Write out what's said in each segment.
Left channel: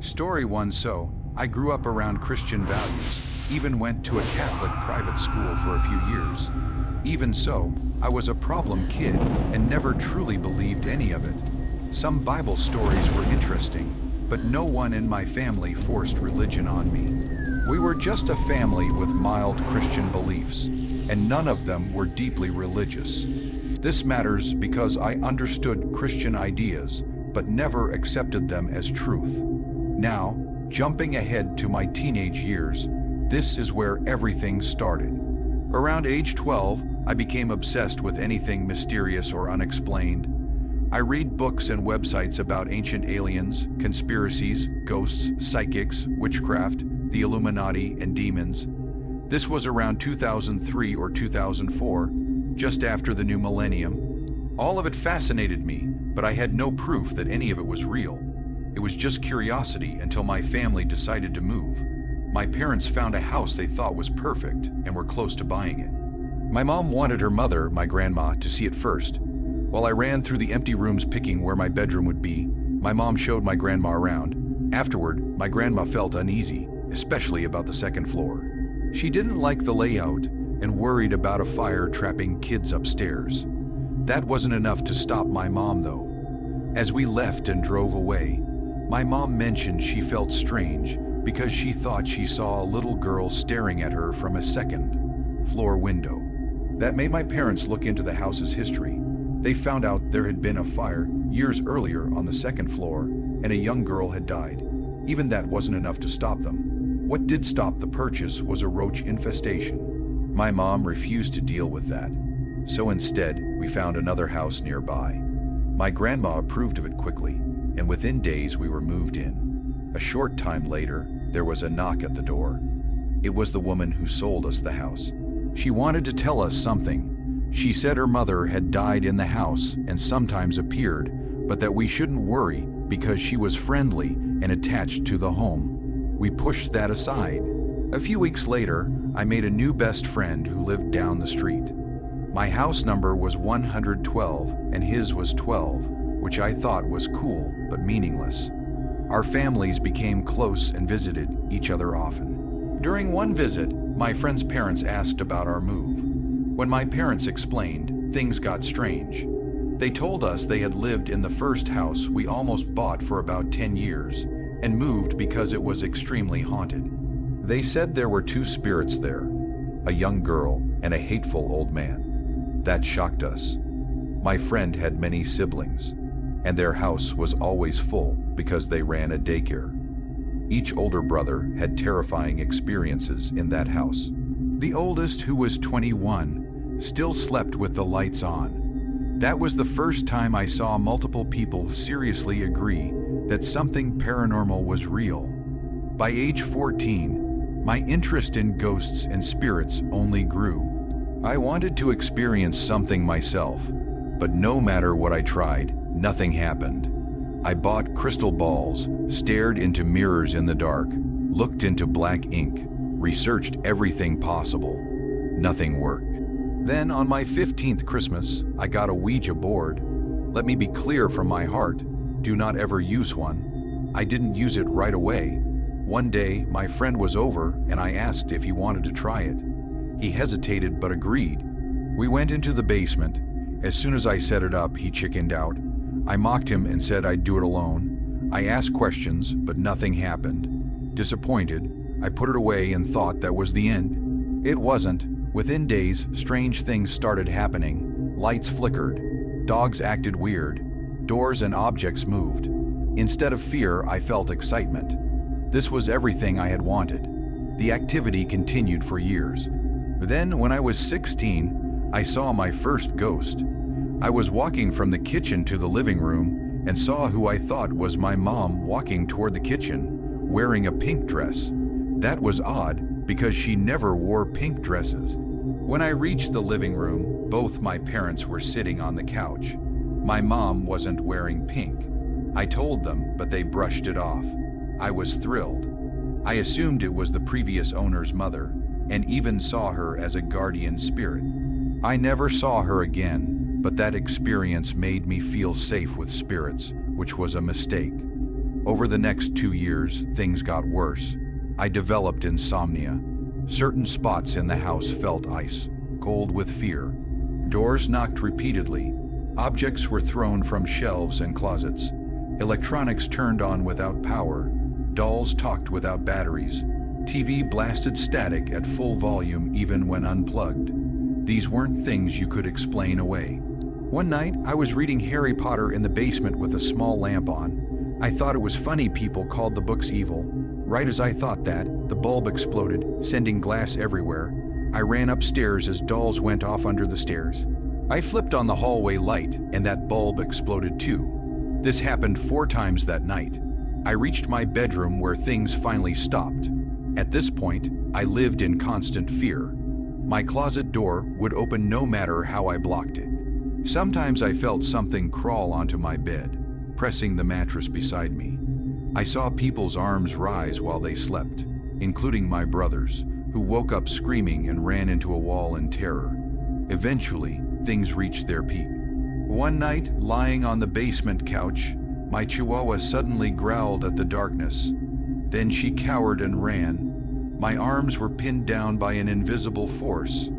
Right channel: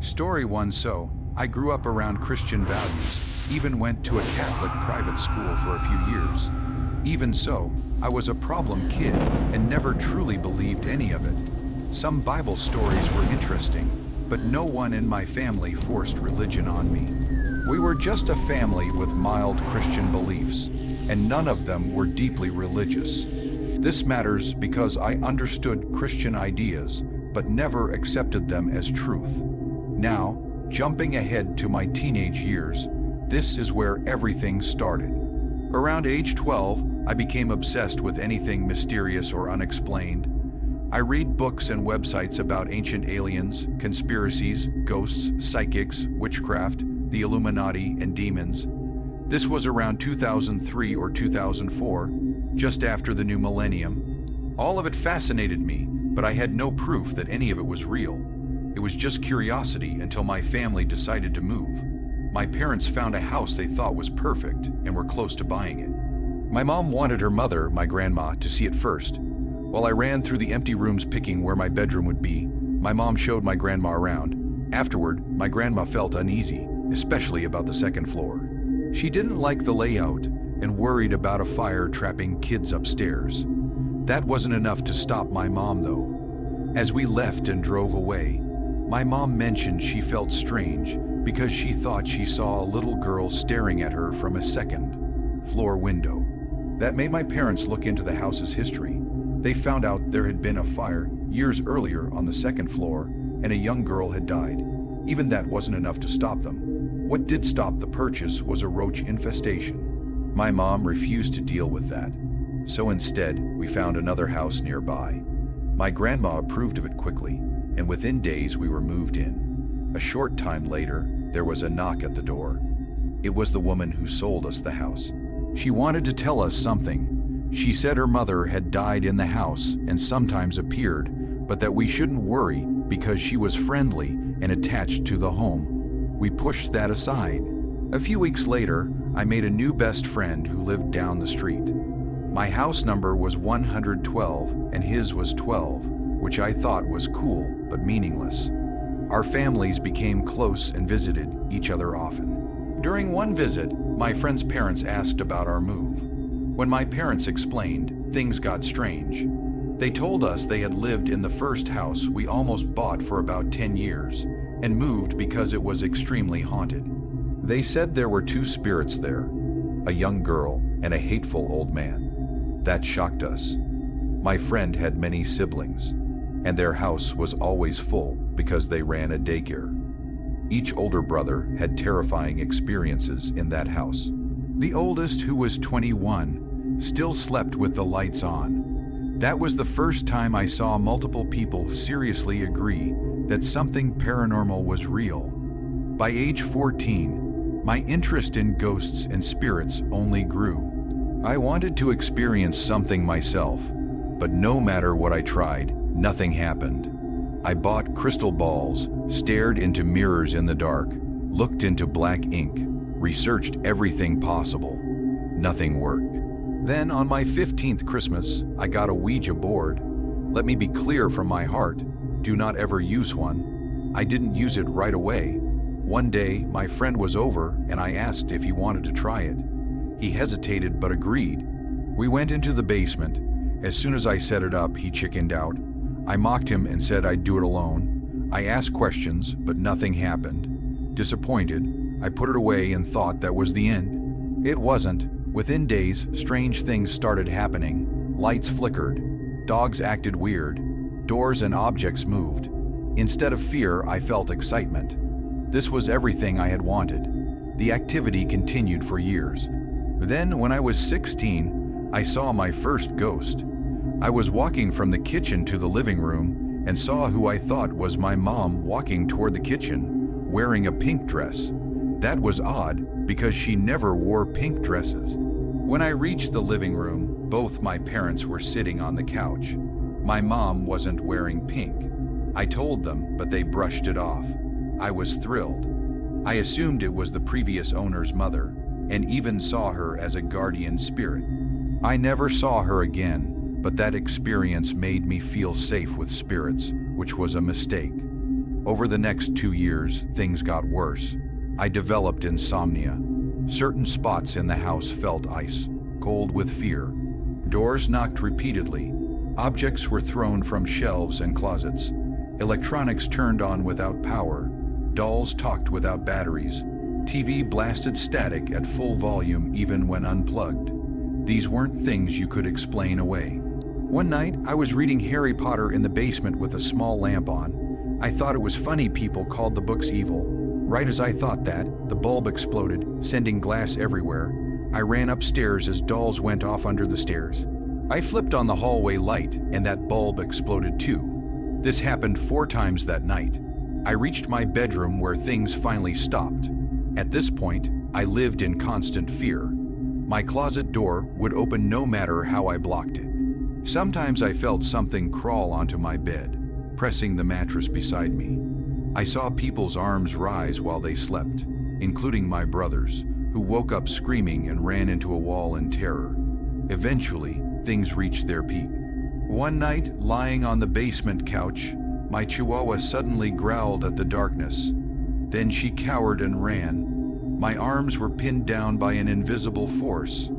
Story 1. So, I grew up around Christian values, even went to a Catholic private school for a few years. Even so, I was a problem kid and never truly believed any of it. Some Bible stories were interesting, but no one in my family forced religion on me. We were just a family with mild Christian beliefs, and none of them were deeply religious. This matters because I understood Christian ideas, but never accepted them as truth. Now, jumping ahead to my teenage years, this is where everything started. Around age 12, I became obsessed with anything mysterious or unexplained. I read books and websites about ancient aliens, conspiracies, ghosts, psychics, witchcraft, the Illuminati, and demons. This was around 2003 or 2004, just after the new millennium. All of it fascinated me, but I had no proof that any of it was real. It was just curiosity until my family decided to move. My parents found a house they thought was perfect and were close to buying it. My mom wanted her mother, my grandma, to see it first. While I ran through the empty rooms picking where my bedroom would be, my mom showed my grandma around. Afterward, my grandma felt uneasy, especially about the second floor. She didn't like the layout and worried about a fire trapping kids upstairs. That wasn't enough to stop my mom, though. As we left and drove away, my mom mentioned she felt strange because she thought she saw a little girl staring at her from a second-floor window. That made my parents look into the house's history. They found out there had been a fire years earlier on the second floor and a young girl had died. Even that wasn't enough to stop them. What did stop the purchase was a roach infestation. My mom refused to deal with that. So instead, we found another house nearby. My grandma approved of it quickly, and within days we were moved in. A short time later, there was a knock at the door. It was the woman who sold us the house. She wanted to tell us something. She said her mother had died in the house and sometimes appeared, but that we shouldn't worry because she was friendly and attached to the home. We pushed that aside. A few weeks later, I made a new best friend who lived down the street. My house number was 112 and his was 12, which I thought was cool but meaningless. Our families became close and visited each other often. During one visit, my friend's parents asked about our move. When my parents explained, things got strange. They told us they had lived in the first house we almost bought for about 10 years and moved because it was extremely haunted. They said there were two spirits there, a young girl and a hateful old man. That shocked us. My friend had many siblings, and their house was always full because they ran a daycare. Each older brother had terrifying experiences in that house. The oldest, who was 21, still slept with the lights on. That was the first time I saw multiple people seriously agree that something paranormal was real. By age 14, my interest in ghosts and spirits only grew. I wanted to experience something myself, but no matter what I tried, nothing happened. I bought crystal balls, stared into mirrors in the dark, looked into black ink, researched everything possible. Nothing worked. Then on my 15th Christmas, I got a Ouija board. Let me be clear from my heart, do not ever use one. I didn't use it right away. One day, my friend was over and I asked if he wanted to try it. He hesitated but agreed. We went into the basement. As soon as I set it up, he chickened out. I mocked him and said I'd do it alone. I asked questions, but nothing happened. Disappointed, I put it away and thought that was the end. It wasn't. Within days, strange things started happening. Lights flickered. Dogs acted weird. Doors and objects moved. Instead of fear, I felt excitement. This was everything I had wanted. The activity continued for years. Then, when I was 16, I saw my first ghost. I was walking from the kitchen to the living room and saw who I thought was my mom walking toward the kitchen, wearing a pink dress. That was odd because she never wore pink dresses. When I reached the living room, both my parents were sitting on the couch. My mom wasn't wearing pink. I told them, but they brushed it off. I was thrilled. I assumed it was the previous owner's mother, and even saw her as a guardian spirit. I never saw her again, but that experience made me feel safe with spirits, which was a mistake. Over the next 2 years, things got worse. I developed insomnia. Certain spots in the house felt ice, cold with fear. Doors knocked repeatedly. Objects were thrown from shelves and closets. Electronics turned on without power. Dolls talked without batteries. TV blasted static at full volume even when unplugged. These weren't things you could explain away. One night, I was reading Harry Potter in the basement with a small lamp on. I thought it was funny people called the books evil. Right as I thought that, the bulb exploded, sending glass everywhere. I ran upstairs as dolls went off under the stairs. I flipped on the hallway light, and that bulb exploded too. This happened 4 times that night. I reached my bedroom where things finally stopped. At this point, I lived in constant fear. My closet door would open no matter how I blocked it. Sometimes I felt something crawl onto my bed, pressing the mattress beside me. I saw people's arms rise while they slept, including my brothers, who woke up screaming and ran into a wall in terror. Eventually, things reached their peak. One night, lying on the basement couch, my chihuahua suddenly growled at the darkness. Then she cowered and ran. My arms were pinned down by an invisible force.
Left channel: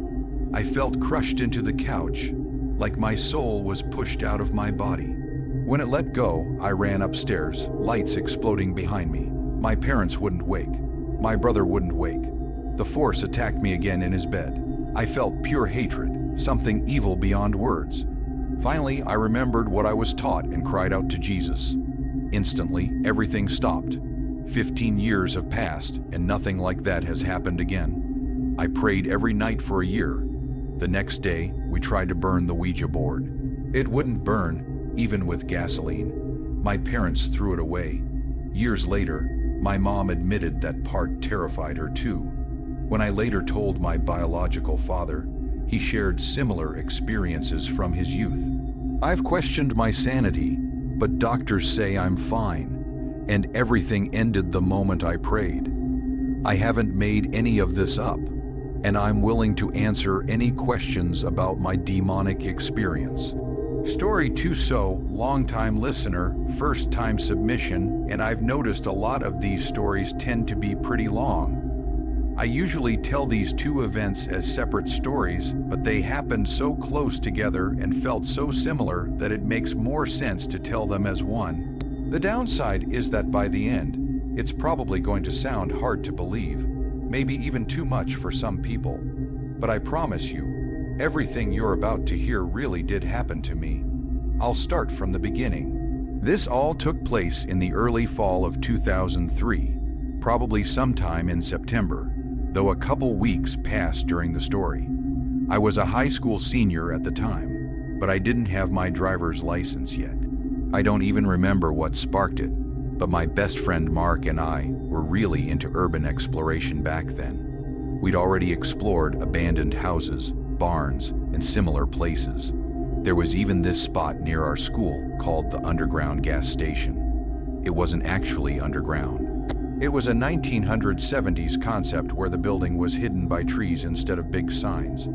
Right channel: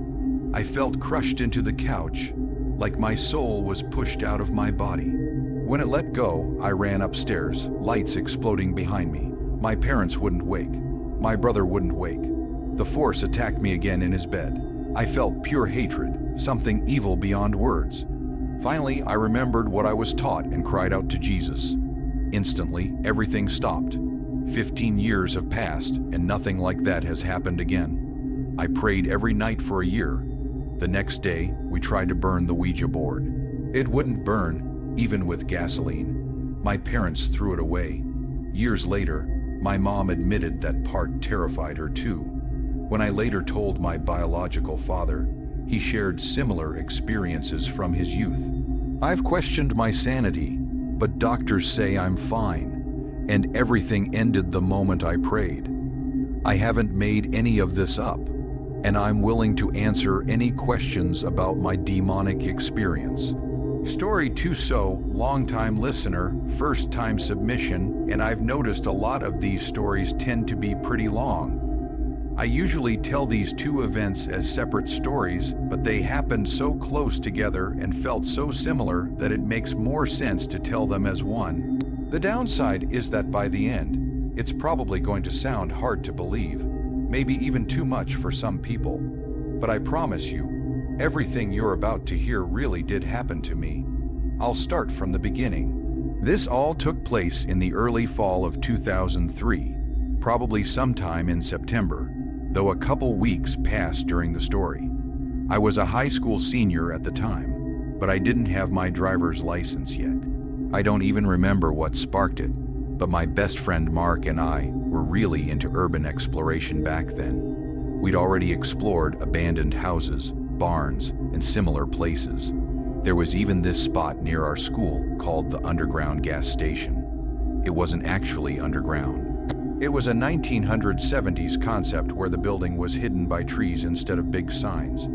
I felt crushed into the couch, like my soul was pushed out of my body. When it let go, I ran upstairs, lights exploding behind me. My parents wouldn't wake. My brother wouldn't wake. The force attacked me again in his bed. I felt pure hatred, something evil beyond words. Finally, I remembered what I was taught and cried out to Jesus. Instantly, everything stopped. 15 years have passed, and nothing like that has happened again. I prayed every night for a year. The next day, we tried to burn the Ouija board. It wouldn't burn, even with gasoline. My parents threw it away. Years later, my mom admitted that part terrified her too. When I later told my biological father, he shared similar experiences from his youth. I've questioned my sanity, but doctors say I'm fine, and everything ended the moment I prayed. I haven't made any of this up, and I'm willing to answer any questions about my demonic experience. Story 2. So, long-time listener, first-time submission, and I've noticed a lot of these stories tend to be pretty long. I usually tell these 2 events as separate stories, but they happened so close together and felt so similar that it makes more sense to tell them as one. The downside is that by the end, it's probably going to sound hard to believe, maybe even too much for some people. But I promise you, everything you're about to hear really did happen to me. I'll start from the beginning. This all took place in the early fall of 2003, probably sometime in September, though a couple weeks passed during the story. I was a high school senior at the time, but I didn't have my driver's license yet. I don't even remember what sparked it, but my best friend Mark and I were really into urban exploration back then. We'd already explored abandoned houses, barns, and similar places. There was even this spot near our school called the underground gas station. It wasn't actually underground. It was a 1970s concept where the building was hidden by trees instead of big signs.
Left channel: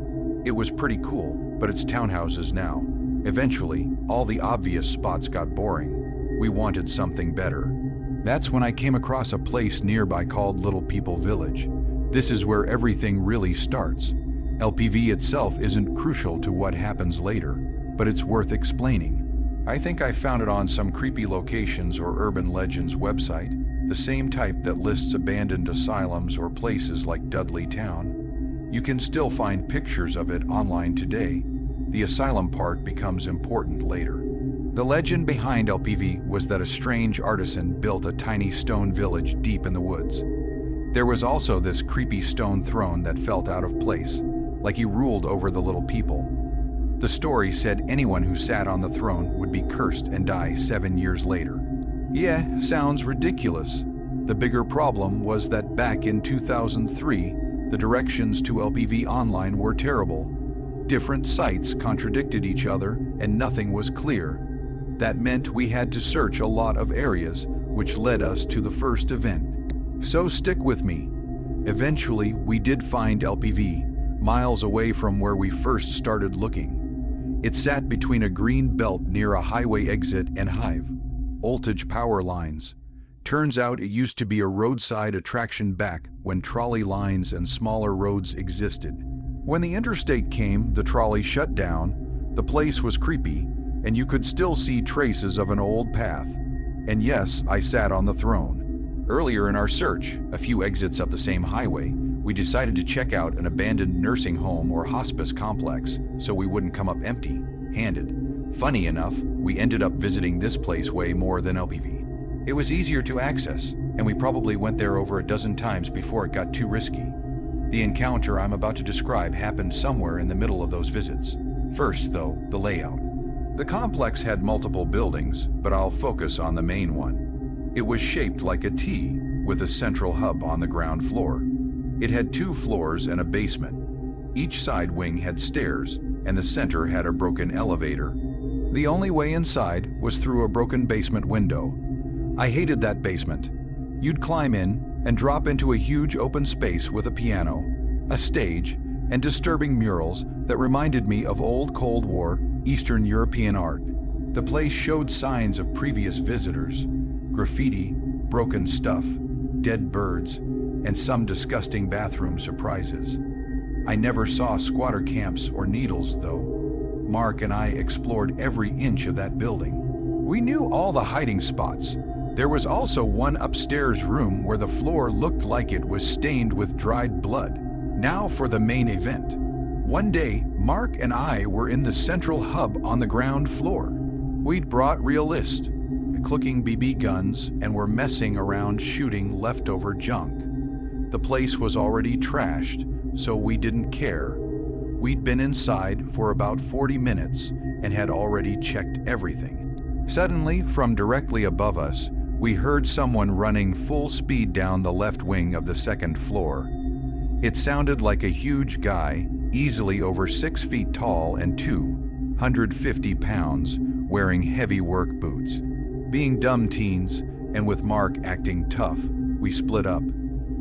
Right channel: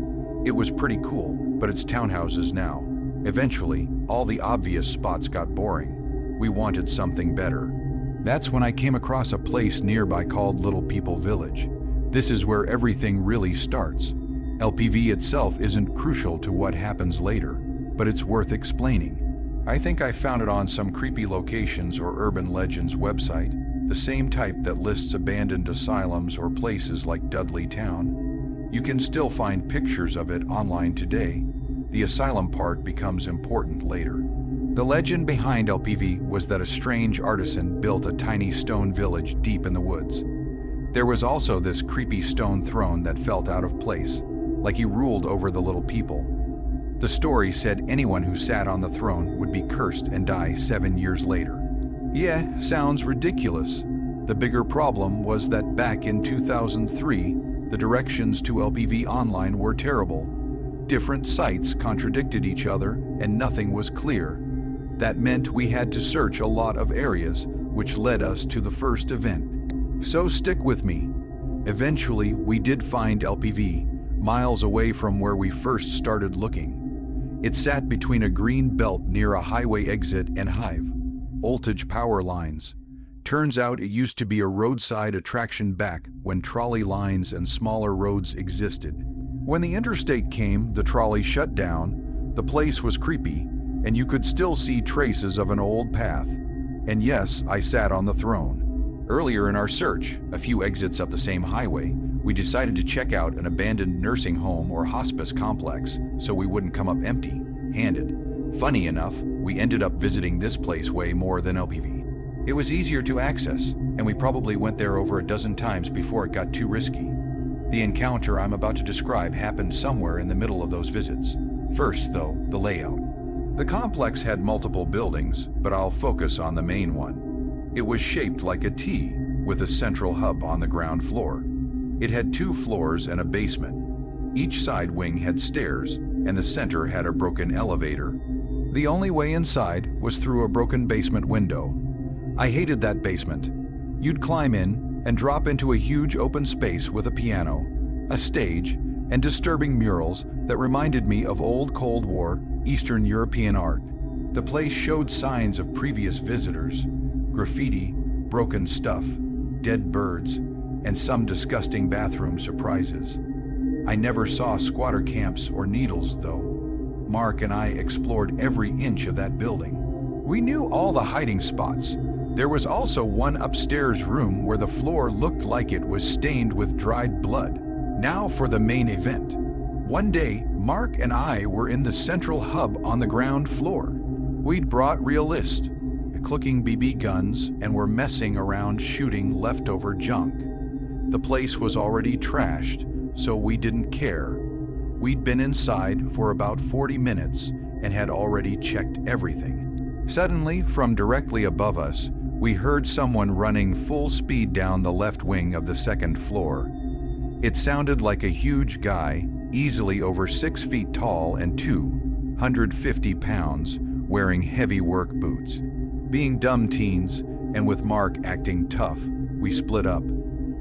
It was pretty cool, but it's townhouses now. Eventually, all the obvious spots got boring. We wanted something better. That's when I came across a place nearby called Little People Village. This is where everything really starts. LPV itself isn't crucial to what happens later, but it's worth explaining. I think I found it on some creepy locations or urban legends website, the same type that lists abandoned asylums or places like Dudley Town. You can still find pictures of it online today. The asylum part becomes important later. The legend behind LPV was that a strange artisan built a tiny stone village deep in the woods. There was also this creepy stone throne that felt out of place, like he ruled over the little people. The story said anyone who sat on the throne would be cursed and die 7 years later. Yeah, sounds ridiculous. The bigger problem was that back in 2003, the directions to LPV Online were terrible. Different sites contradicted each other and nothing was clear. That meant we had to search a lot of areas, which led us to the first event. So stick with me. Eventually, we did find LPV, miles away from where we first started looking. It sat between a green belt near a highway exit and hive voltage power lines. Turns out it used to be a roadside attraction back when trolley lines and smaller roads existed. When the interstate came, the trolley shut down, the place was creepy, and you could still see traces of an old path. And yes, I sat on the throne. Earlier in our search, a few exits up the same highway, we decided to check out an abandoned nursing home or hospice complex so we wouldn't come up empty-handed. Funny enough, we ended up visiting this place way more than LPV. It was easier to access, and we probably went there over a dozen times before it got too risky. The encounter I'm about to describe happened somewhere in the middle of those visits. First, though, the layout. The complex had multiple buildings, but I'll focus on the main one. It was shaped like a T, with a central hub on the ground floor. It had 2 floors and a basement. Each side wing had stairs, and the center had a broken elevator. The only way inside was through a broken basement window. I hated that basement. You'd climb in and drop into a huge open space with a piano, a stage, and disturbing murals that reminded me of old Cold War Eastern European art. The place showed signs of previous visitors, graffiti, broken stuff, dead birds, and some disgusting bathroom surprises. I never saw squatter camps or needles, though. Mark and I explored every inch of that building. We knew all the hiding spots. There was also one upstairs room where the floor looked like it was stained with dried blood. Now for the main event. One day, Mark and I were in the central hub on the ground floor. We'd brought realists, clicking BB guns, and were messing around shooting leftover junk. The place was already trashed, so we didn't care. We'd been inside for about 40 minutes and had already checked everything. Suddenly, from directly above us, we heard someone running full speed down the left wing of the second floor. It sounded like a huge guy, easily over 6 feet tall and 250 pounds, wearing heavy work boots. Being dumb teens, and with Mark acting tough, we split up.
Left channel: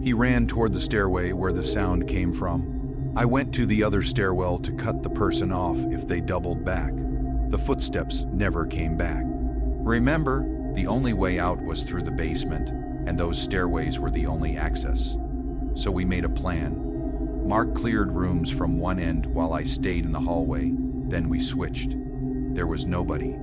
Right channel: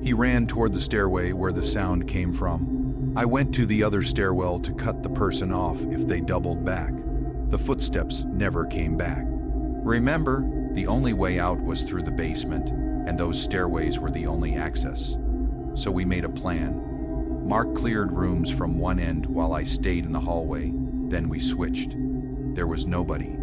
He ran toward the stairway where the sound came from. I went to the other stairwell to cut the person off if they doubled back. The footsteps never came back. Remember, the only way out was through the basement, and those stairways were the only access. So we made a plan. Mark cleared rooms from one end while I stayed in the hallway, then we switched. There was nobody.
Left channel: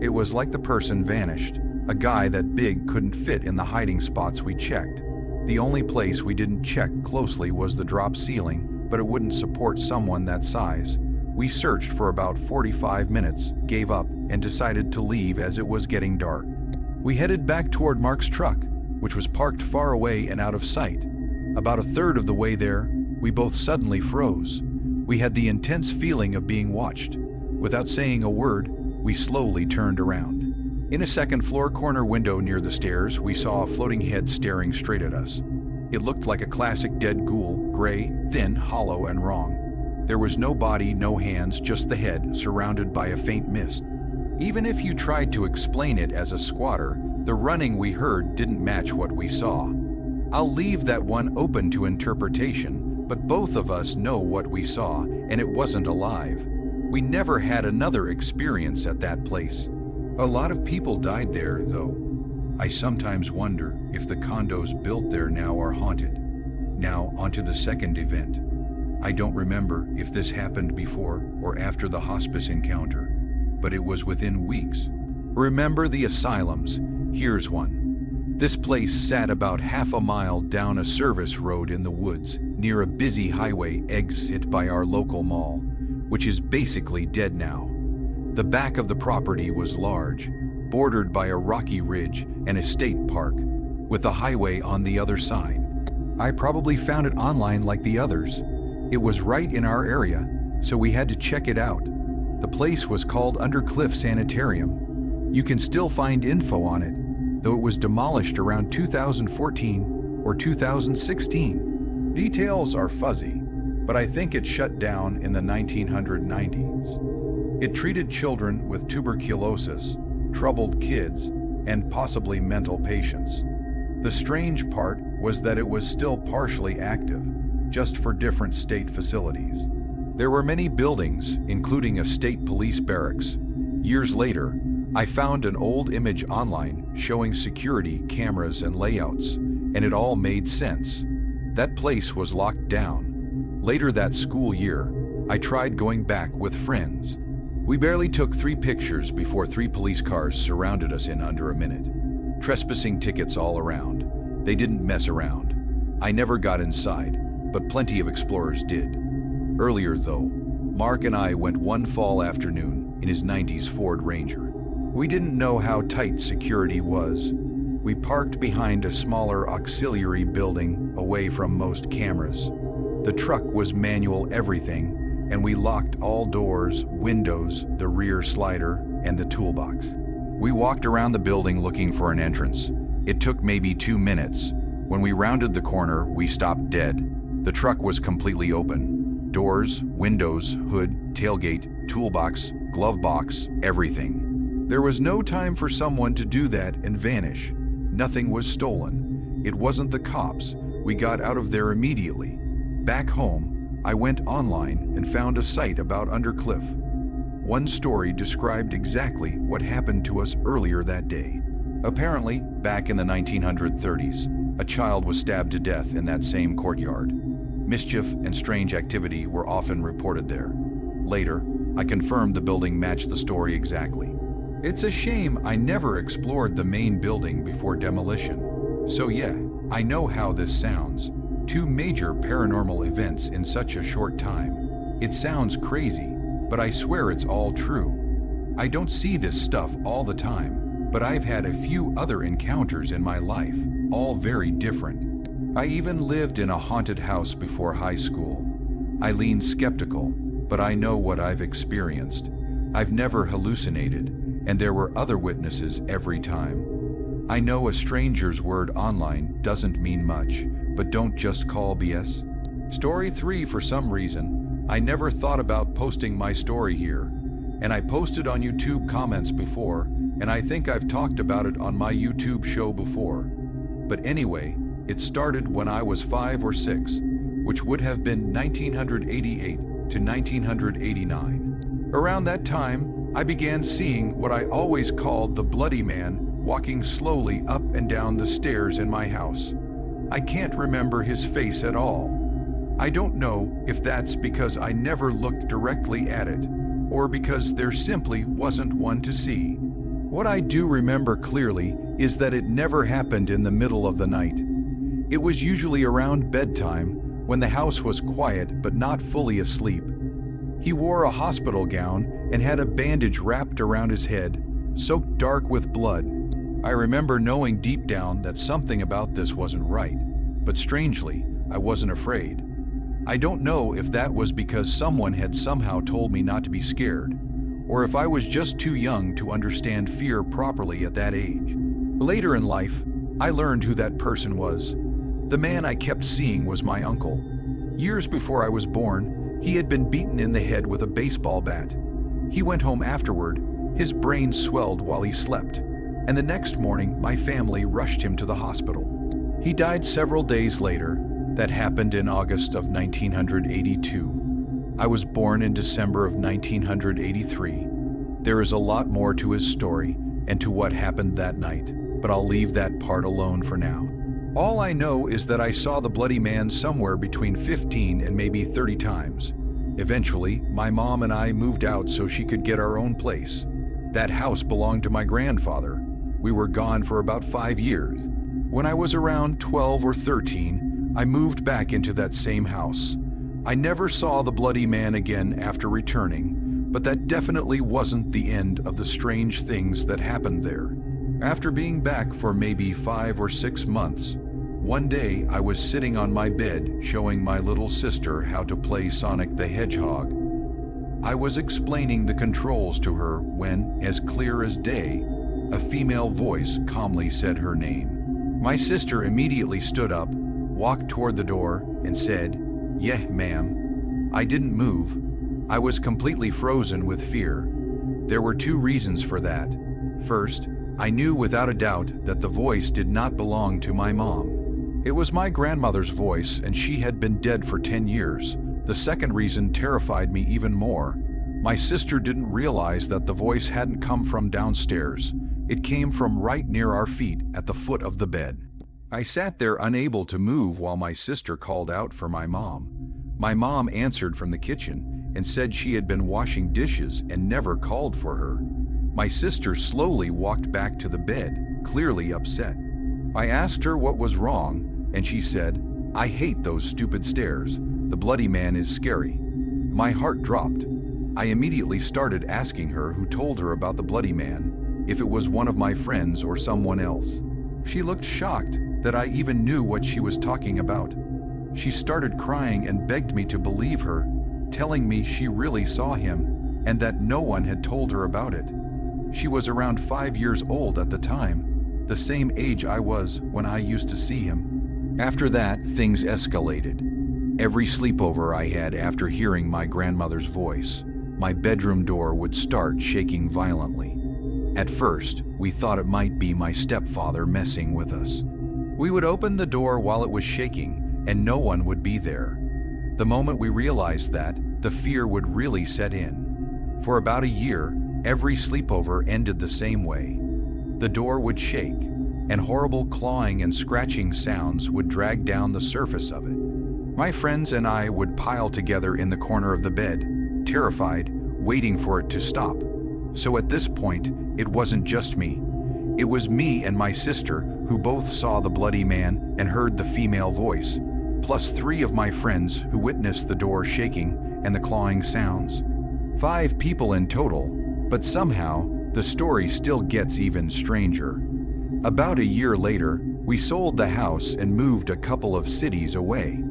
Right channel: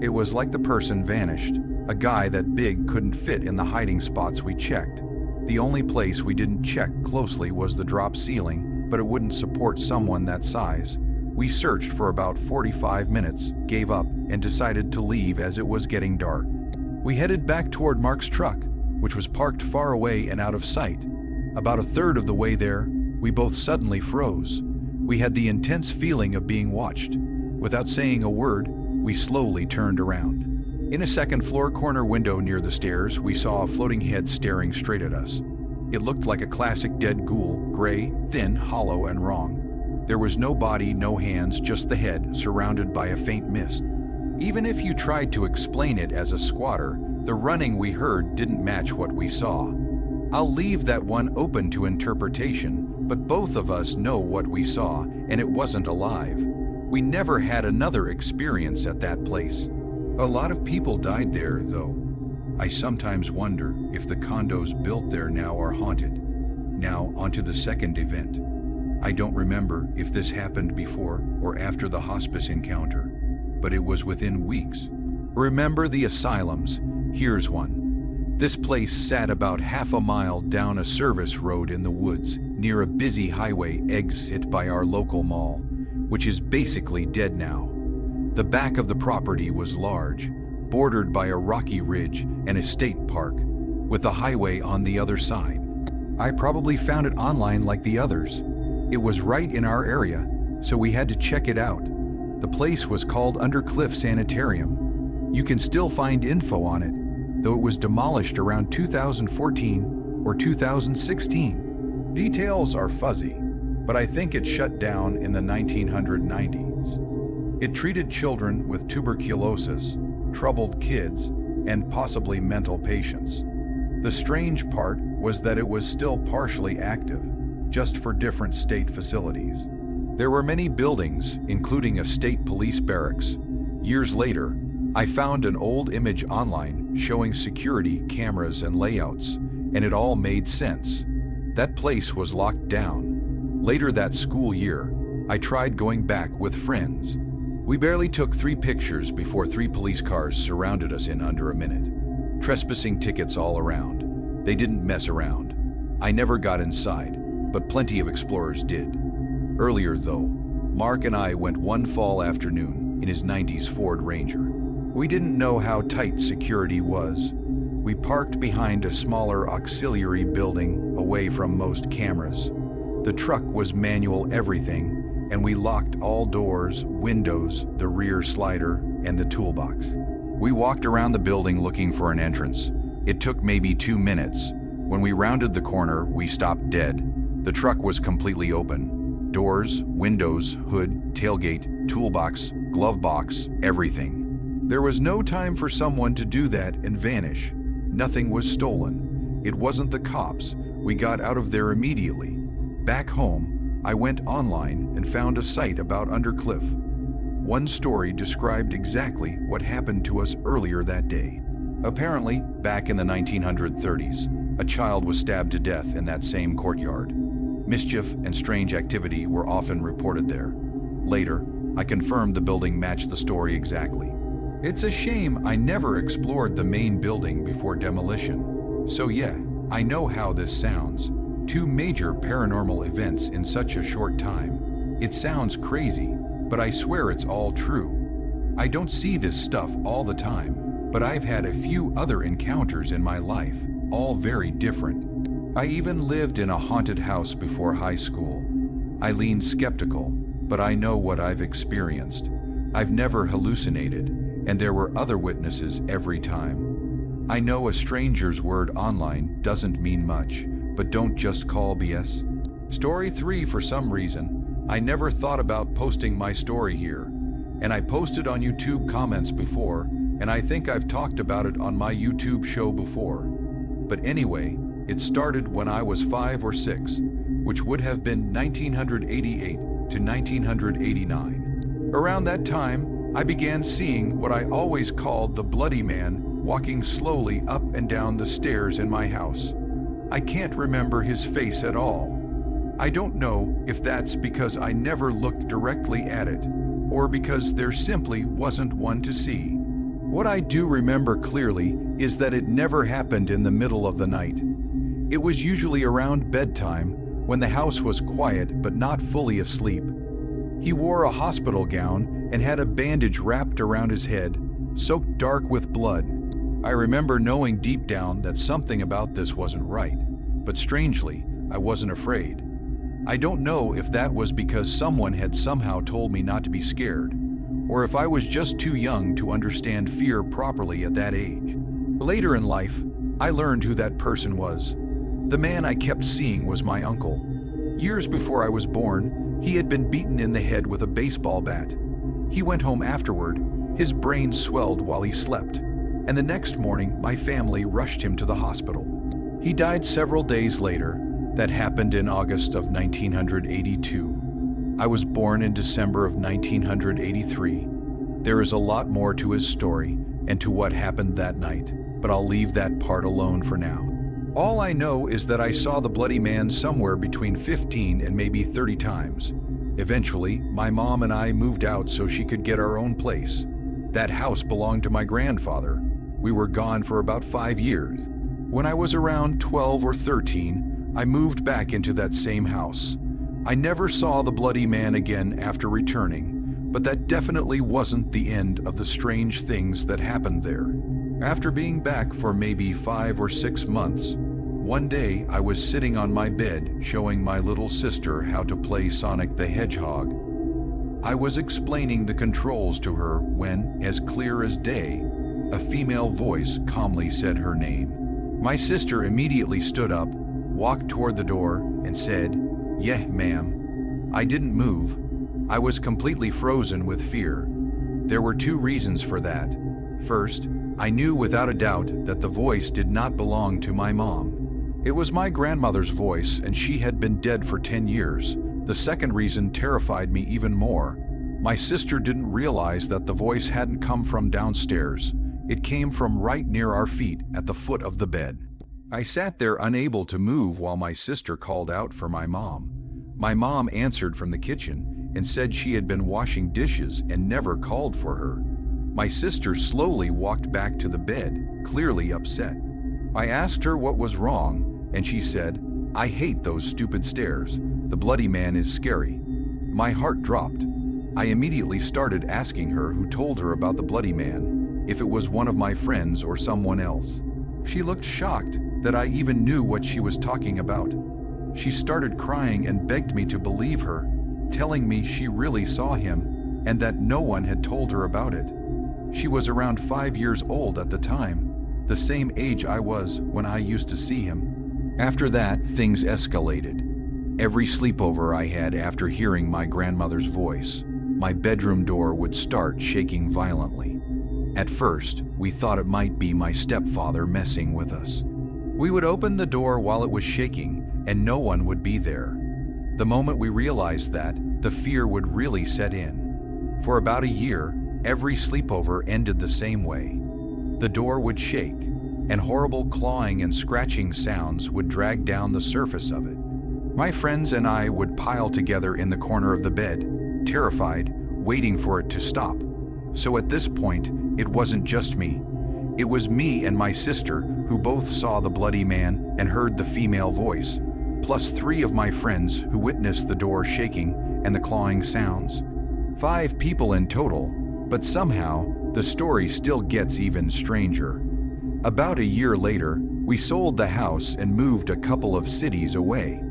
It was like the person vanished. A guy that big couldn't fit in the hiding spots we checked. The only place we didn't check closely was the drop ceiling, but it wouldn't support someone that size. We searched for about 45 minutes, gave up, and decided to leave as it was getting dark. We headed back toward Mark's truck, which was parked far away and out of sight. About a third of the way there, we both suddenly froze. We had the intense feeling of being watched. Without saying a word, we slowly turned around. In a second-floor corner window near the stairs, we saw a floating head staring straight at us. It looked like a classic dead ghoul, gray, thin, hollow, and wrong. There was no body, no hands, just the head, surrounded by a faint mist. Even if you tried to explain it as a squatter, the running we heard didn't match what we saw. I'll leave that one open to interpretation, but both of us know what we saw, and it wasn't alive. We never had another experience at that place. A lot of people died there, though. I sometimes wonder if the condos built there now are haunted. Now, onto the second event. I don't remember if this happened before or after the hospice encounter, but it was within weeks. Remember the asylums? Here's one. This place sat about half a mile down a service road in the woods, near a busy highway exit by our local mall, which is basically dead now. The back of the property was large, bordered by a rocky ridge and a state park, with the highway on the other side. I probably found it online like the others. It was right in our area, so we had to check it out. The place was called Undercliff Sanitarium. You can still find info on it, though it was demolished around 2014 or 2016. Details are fuzzy, but I think it shut down in the 1990s. It treated children with tuberculosis, troubled kids, and possibly mental patients. The strange part was that it was still partially active, just for different state facilities. There were many buildings, including a state police barracks. Years later, I found an old image online showing security cameras and layouts, and it all made sense. That place was locked down. Later that school year, I tried going back with friends. We barely took 3 pictures before 3 police cars surrounded us in under a minute. Trespassing tickets all around. They didn't mess around. I never got inside, but plenty of explorers did. Earlier though, Mark and I went one fall afternoon in his 90s Ford Ranger. We didn't know how tight security was. We parked behind a smaller auxiliary building away from most cameras. The truck was manual everything, and we locked all doors, windows, the rear slider, and the toolbox. We walked around the building looking for an entrance. It took maybe 2 minutes. When we rounded the corner, we stopped dead. The truck was completely open. Doors, windows, hood, tailgate, toolbox, glove box, everything. There was no time for someone to do that and vanish. Nothing was stolen. It wasn't the cops. We got out of there immediately. Back home, I went online and found a site about Undercliff. One story described exactly what happened to us earlier that day. Apparently, back in the 1930s, a child was stabbed to death in that same courtyard. Mischief and strange activity were often reported there. Later, I confirmed the building matched the story exactly. It's a shame I never explored the main building before demolition. So yeah, I know how this sounds. 2 major paranormal events in such a short time. It sounds crazy, but I swear it's all true. I don't see this stuff all the time, but I've had a few other encounters in my life, all very different. I even lived in a haunted house before high school. I lean skeptical, but I know what I've experienced. I've never hallucinated, and there were other witnesses every time. I know a stranger's word online doesn't mean much, but don't just call BS. Story 3, for some reason, I never thought about posting my story here, and I posted on YouTube comments before, and I think I've talked about it on my YouTube show before. But anyway, it started when I was 5 or 6, which would have been 1988 to 1989. Around that time, I began seeing what I always called the Bloody Man walking slowly up and down the stairs in my house. I can't remember his face at all. I don't know if that's because I never looked directly at it, or because there simply wasn't one to see. What I do remember clearly is that it never happened in the middle of the night. It was usually around bedtime, when the house was quiet but not fully asleep. He wore a hospital gown and had a bandage wrapped around his head, soaked dark with blood. I remember knowing deep down that something about this wasn't right, but strangely, I wasn't afraid. I don't know if that was because someone had somehow told me not to be scared, or if I was just too young to understand fear properly at that age. Later in life, I learned who that person was. The man I kept seeing was my uncle. Years before I was born, he had been beaten in the head with a baseball bat. He went home afterward, his brain swelled while he slept, and the next morning my family rushed him to the hospital. He died several days later. That happened in August of 1982. I was born in December of 1983. There is a lot more to his story and to what happened that night, but I'll leave that part alone for now. All I know is that I saw the Bloody Man somewhere between 15 and maybe 30 times. Eventually, my mom and I moved out so she could get our own place. That house belonged to my grandfather. We were gone for about 5 years. When I was around 12 or 13, I moved back into that same house. I never saw the Bloody Man again after returning, but that definitely wasn't the end of the strange things that happened there. After being back for maybe 5 or 6 months, one day I was sitting on my bed showing my little sister how to play Sonic the Hedgehog. I was explaining the controls to her when, as clear as day, a female voice calmly said her name. My sister immediately stood up, walked toward the door, and said, "Yeah, ma'am." I didn't move. I was completely frozen with fear. There were 2 reasons for that. First, I knew without a doubt that the voice did not belong to my mom. It was my grandmother's voice, and she had been dead for 10 years. The second reason terrified me even more. My sister didn't realize that the voice hadn't come from downstairs. It came from right near our feet at the foot of the bed. I sat there unable to move while my sister called out for my mom. My mom answered from the kitchen and said she had been washing dishes and never called for her. My sister slowly walked back to the bed, clearly upset. I asked her what was wrong, and she said, "I hate those stupid stairs. The bloody man is scary." My heart dropped. I immediately started asking her who told her about the bloody man, if it was one of my friends or someone else. She looked shocked that I even knew what she was talking about. She started crying and begged me to believe her, telling me she really saw him and that no one had told her about it. She was around 5 years old at the time, the same age I was when I used to see him. After that, things escalated. Every sleepover I had after hearing my grandmother's voice, my bedroom door would start shaking violently. At first, we thought it might be my stepfather messing with us. We would open the door while it was shaking, and no one would be there. The moment we realized that, the fear would really set in. For about a year, every sleepover ended the same way. The door would shake, and horrible clawing and scratching sounds would drag down the surface of it. My friends and I would pile together in the corner of the bed, terrified, waiting for it to stop. So at this point, it wasn't just me. It was me and my sister who both saw the bloody man and heard the female voice, plus 3 of my friends who witnessed the door shaking and the clawing sounds. 5 people in total, but somehow the story still gets even stranger. About a year later, we sold the house and moved a couple of cities away.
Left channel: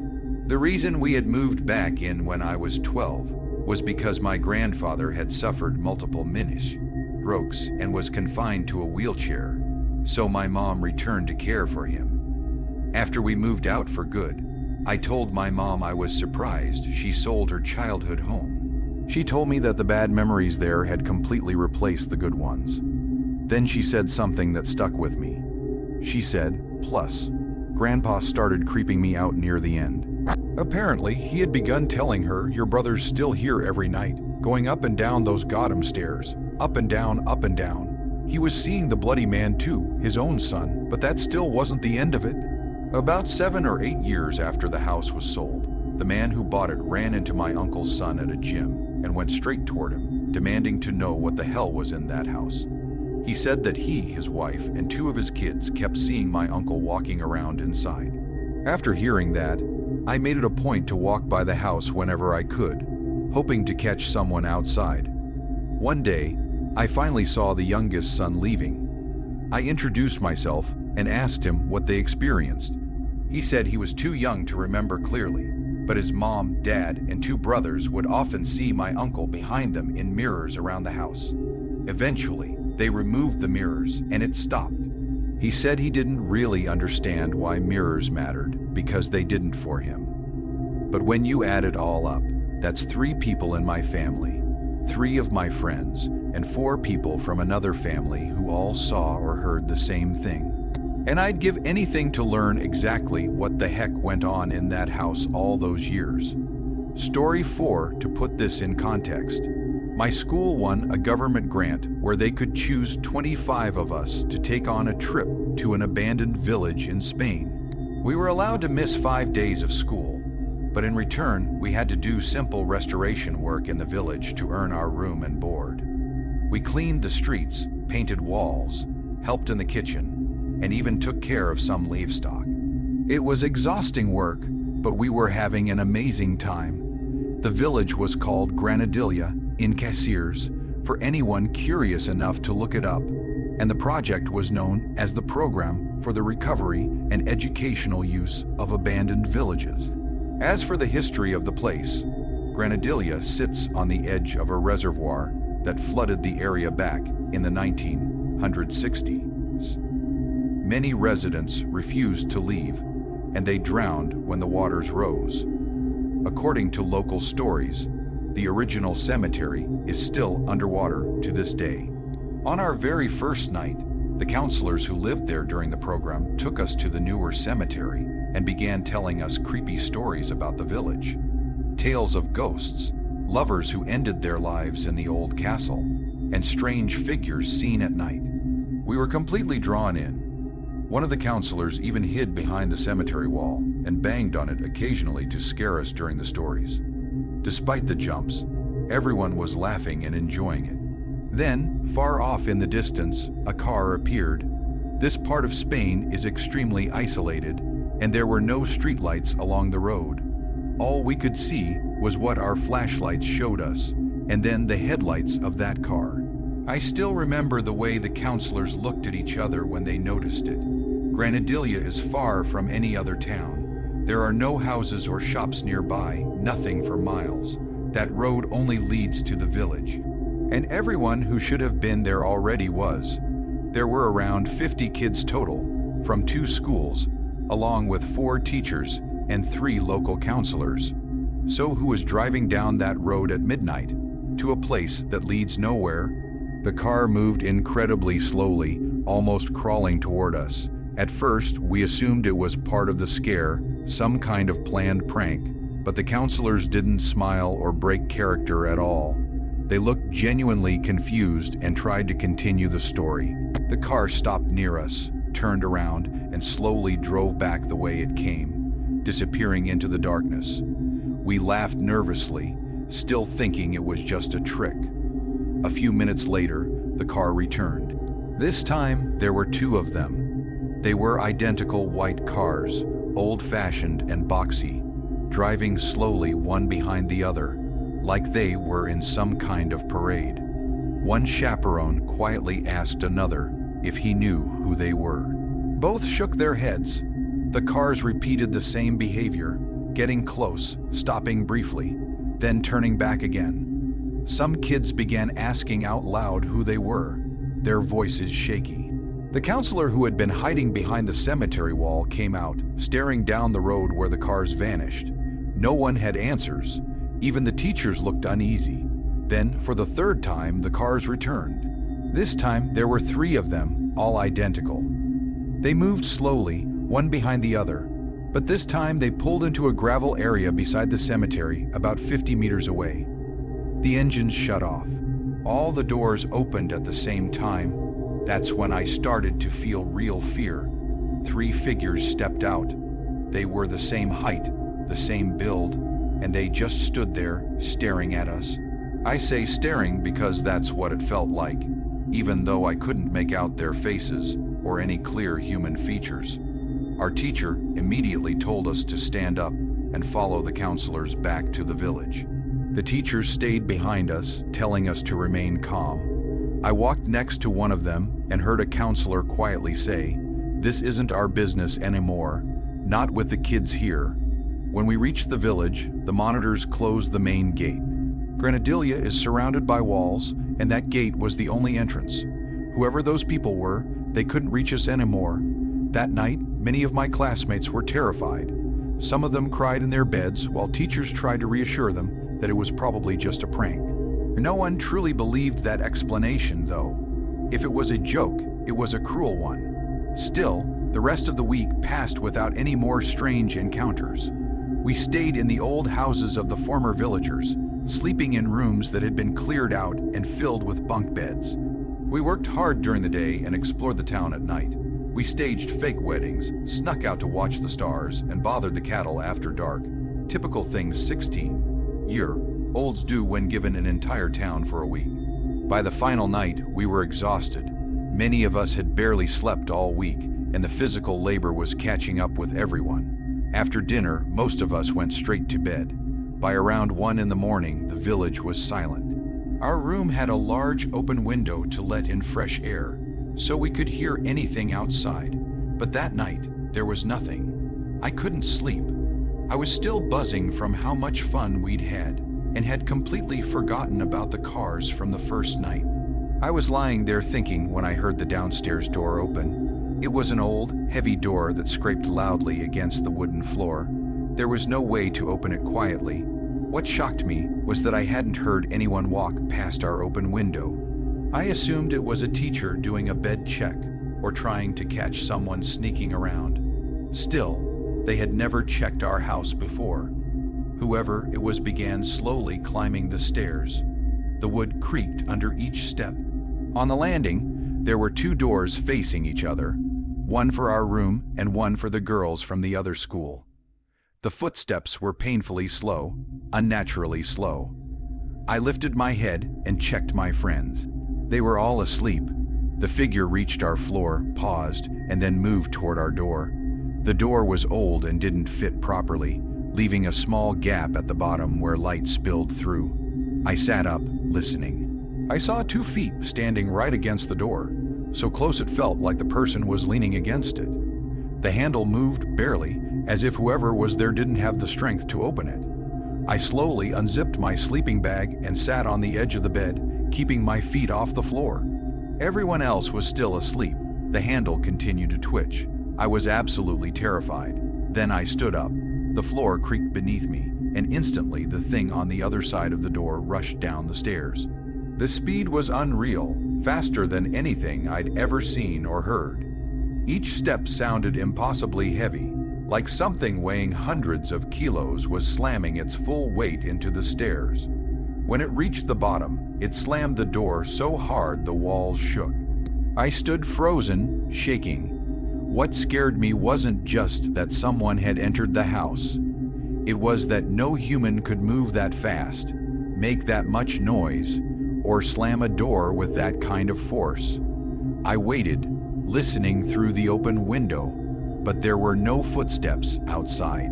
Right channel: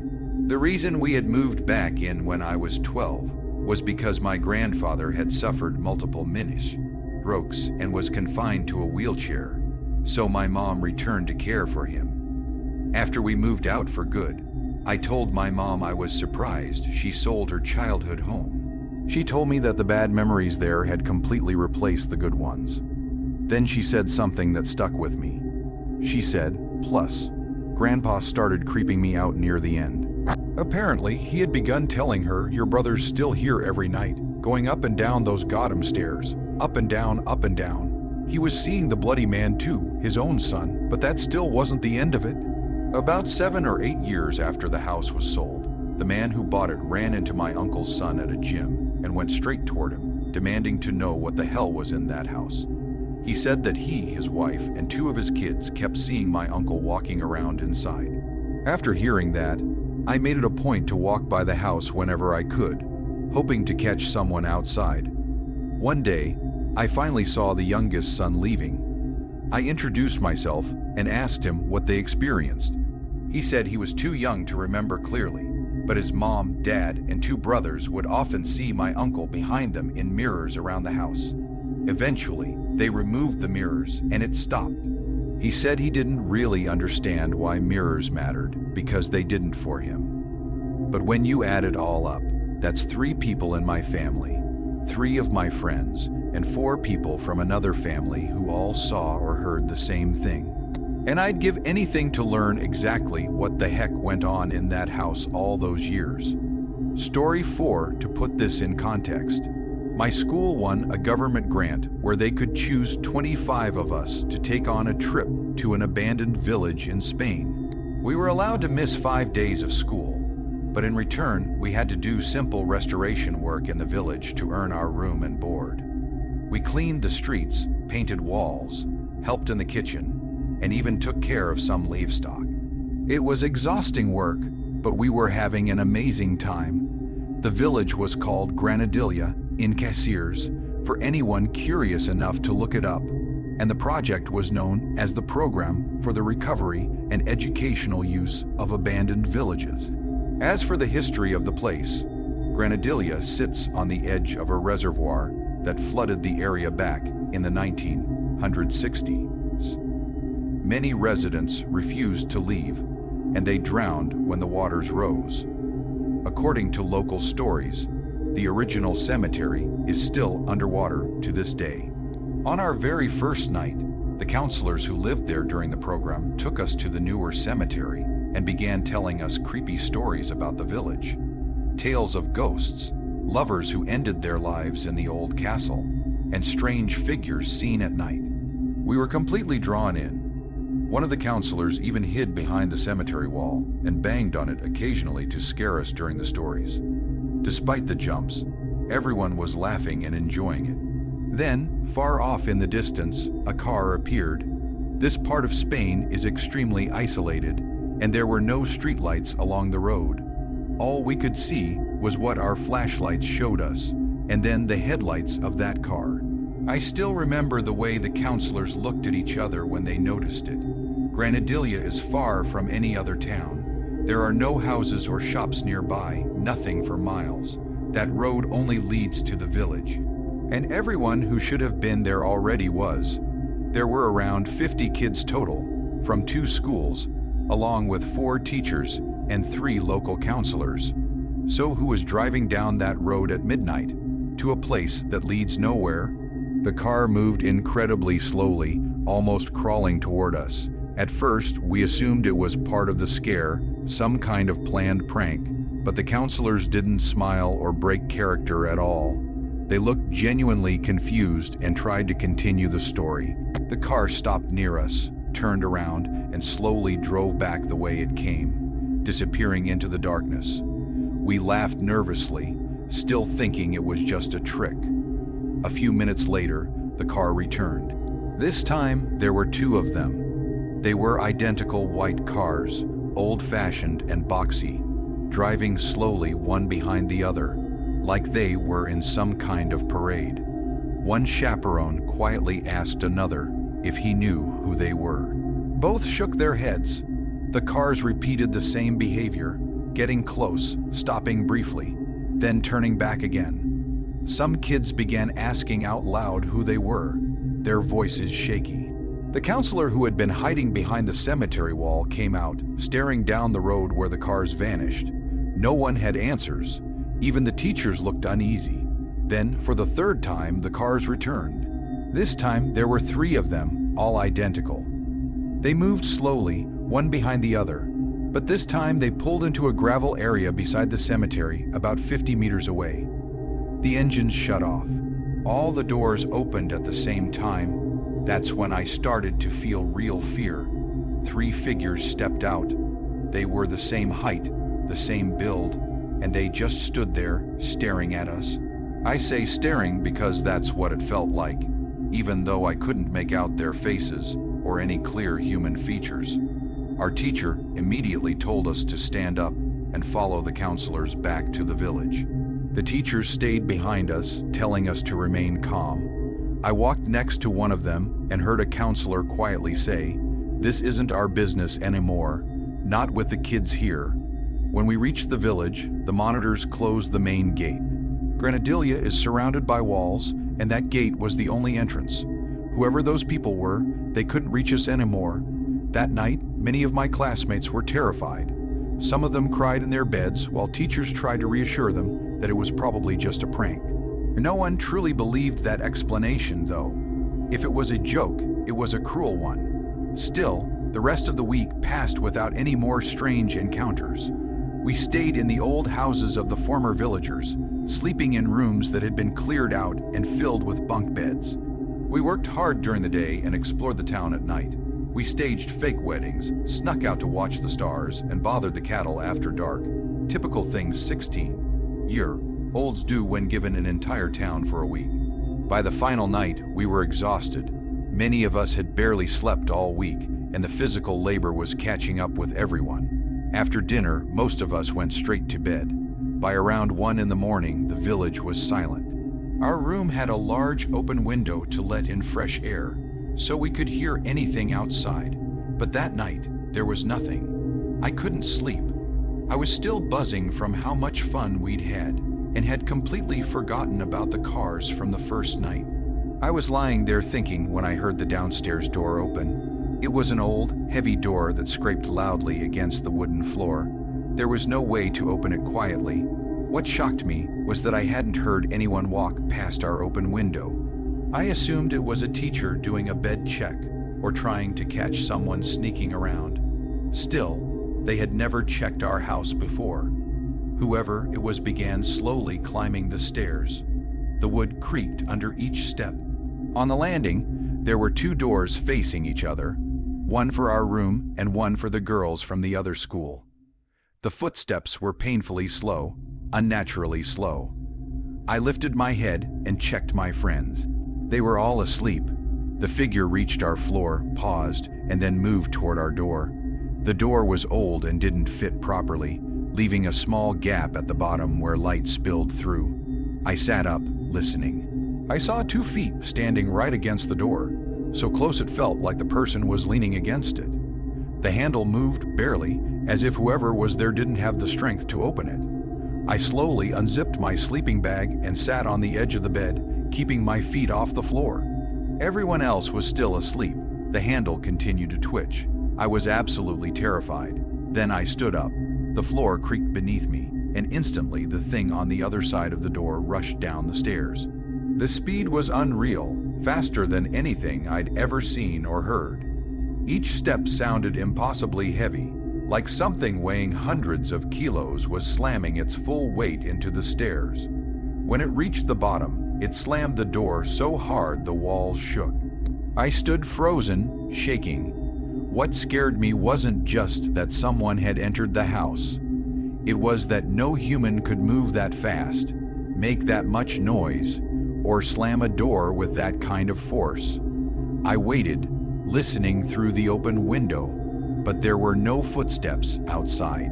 The reason we had moved back in when I was 12 was because my grandfather had suffered multiple strokes and was confined to a wheelchair, so my mom returned to care for him. After we moved out for good, I told my mom I was surprised she sold her childhood home. She told me that the bad memories there had completely replaced the good ones. Then she said something that stuck with me. She said, "Plus, Grandpa started creeping me out near the end. Apparently, he had begun telling her, 'Your brother's still here every night, going up and down those goddamn stairs, up and down, up and down.' He was seeing the bloody man too, his own son, but that still wasn't the end of it." About 7 or 8 years after the house was sold, the man who bought it ran into my uncle's son at a gym and went straight toward him, demanding to know what the hell was in that house. He said that he, his wife, and 2 of his kids kept seeing my uncle walking around inside. After hearing that, I made it a point to walk by the house whenever I could, hoping to catch someone outside. One day, I finally saw the youngest son leaving. I introduced myself and asked him what they experienced. He said he was too young to remember clearly, but his mom, dad, and 2 brothers would often see my uncle behind them in mirrors around the house. Eventually, they removed the mirrors and it stopped. He said he didn't really understand why mirrors mattered because they didn't for him. But when you add it all up, that's 3 people in my family, 3 of my friends, and 4 people from another family who all saw or heard the same thing. And I'd give anything to learn exactly what the heck went on in that house all those years. Story 4, to put this in context. My school won a government grant where they could choose 25 of us to take on a trip to an abandoned village in Spain. We were allowed to miss 5 days of school, but in return, we had to do simple restoration work in the village to earn our room and board. We cleaned the streets, painted walls, helped in the kitchen, and even took care of some livestock. It was exhausting work, but we were having an amazing time. The village was called Granadilla in Caceres, for anyone curious enough to look it up, and the project was known as the Program for the Recovery and Educational Use of Abandoned Villages. As for the history of the place, Granadilla sits on the edge of a reservoir that flooded the area back in the 1960s. Many residents refused to leave, and they drowned when the waters rose. According to local stories, the original cemetery is still underwater to this day. On our very first night, the counselors who lived there during the program took us to the newer cemetery and began telling us creepy stories about the village. Tales of ghosts, lovers who ended their lives in the old castle, and strange figures seen at night. We were completely drawn in. One of the counselors even hid behind the cemetery wall and banged on it occasionally to scare us during the stories. Despite the jumps, everyone was laughing and enjoying it. Then, far off in the distance, a car appeared. This part of Spain is extremely isolated, and there were no streetlights along the road. All we could see was what our flashlights showed us, and then the headlights of that car. I still remember the way the counselors looked at each other when they noticed it. Granadilla is far from any other town. There are no houses or shops nearby, nothing for miles. That road only leads to the village. And everyone who should have been there already was. There were around 50 kids total, from 2 schools, along with 4 teachers and 3 local counselors. So who was driving down that road at midnight, to a place that leads nowhere? The car moved incredibly slowly, almost crawling toward us. At first, we assumed it was part of the scare, some kind of planned prank, but the counselors didn't smile or break character at all. They looked genuinely confused and tried to continue the story. The car stopped near us, turned around, and slowly drove back the way it came, disappearing into the darkness. We laughed nervously, still thinking it was just a trick. A few minutes later, the car returned. This time, there were 2 of them. They were identical white cars, old-fashioned and boxy, driving slowly one behind the other, like they were in some kind of parade. One chaperone quietly asked another if he knew who they were. Both shook their heads. The cars repeated the same behavior, getting close, stopping briefly, then turning back again. Some kids began asking out loud who they were, their voices shaky. The counselor who had been hiding behind the cemetery wall came out, staring down the road where the cars vanished. No one had answers. Even the teachers looked uneasy. Then, for the 3rd time, the cars returned. This time, there were 3 of them, all identical. They moved slowly, one behind the other, but this time they pulled into a gravel area beside the cemetery, about 50 meters away. The engines shut off. All the doors opened at the same time. That's when I started to feel real fear. 3 figures stepped out. They were the same height, the same build, and they just stood there, staring at us. I say staring because that's what it felt like, even though I couldn't make out their faces or any clear human features. Our teacher immediately told us to stand up and follow the counselors back to the village. The teachers stayed behind us, telling us to remain calm. I walked next to one of them and heard a counselor quietly say, "This isn't our business anymore, not with the kids here." When we reached the village, the monitors closed the main gate. Granadilla is surrounded by walls, and that gate was the only entrance. Whoever those people were, they couldn't reach us anymore. That night, many of my classmates were terrified. Some of them cried in their beds while teachers tried to reassure them that it was probably just a prank. No one truly believed that explanation, though. If it was a joke, it was a cruel one. Still, the rest of the week passed without any more strange encounters. We stayed in the old houses of the former villagers, sleeping in rooms that had been cleared out and filled with bunk beds. We worked hard during the day and explored the town at night. We staged fake weddings, snuck out to watch the stars, and bothered the cattle after dark. Typical things 16-year-olds do when given an entire town for a week. By the final night, we were exhausted. Many of us had barely slept all week, and the physical labor was catching up with everyone. After dinner, most of us went straight to bed. By around 1 in the morning, the village was silent. Our room had a large open window to let in fresh air, so we could hear anything outside. But that night, there was nothing. I couldn't sleep. I was still buzzing from how much fun we'd had, and had completely forgotten about the cars from the first night. I was lying there thinking when I heard the downstairs door open. It was an old, heavy door that scraped loudly against the wooden floor. There was no way to open it quietly. What shocked me was that I hadn't heard anyone walk past our open window. I assumed it was a teacher doing a bed check or trying to catch someone sneaking around. Still, they had never checked our house before. Whoever it was began slowly climbing the stairs. The wood creaked under each step. On the landing, there were two doors facing each other, one for our room and one for the girls from the other school. The footsteps were painfully slow, unnaturally slow. I lifted my head and checked my friends. They were all asleep. The figure reached our floor, paused, and then moved toward our door. The door was old and didn't fit properly, leaving a small gap at the bottom where light spilled through. I sat up, listening. I saw 2 feet standing right against the door, so close it felt like the person was leaning against it. The handle moved barely, as if whoever was there didn't have the strength to open it. I slowly unzipped my sleeping bag and sat on the edge of the bed, keeping my feet off the floor. Everyone else was still asleep. The handle continued to twitch. I was absolutely terrified. Then I stood up. The floor creaked beneath me, and instantly the thing on the other side of the door rushed down the stairs. The speed was unreal, faster than anything I'd ever seen or heard. Each step sounded impossibly heavy, like something weighing hundreds of kilos was slamming its full weight into the stairs. When it reached the bottom, it slammed the door so hard the walls shook. I stood frozen, shaking. What scared me wasn't just that someone had entered the house. It was that no human could move that fast, make that much noise, or slam a door with that kind of force. I waited, listening through the open window, but there were no footsteps outside.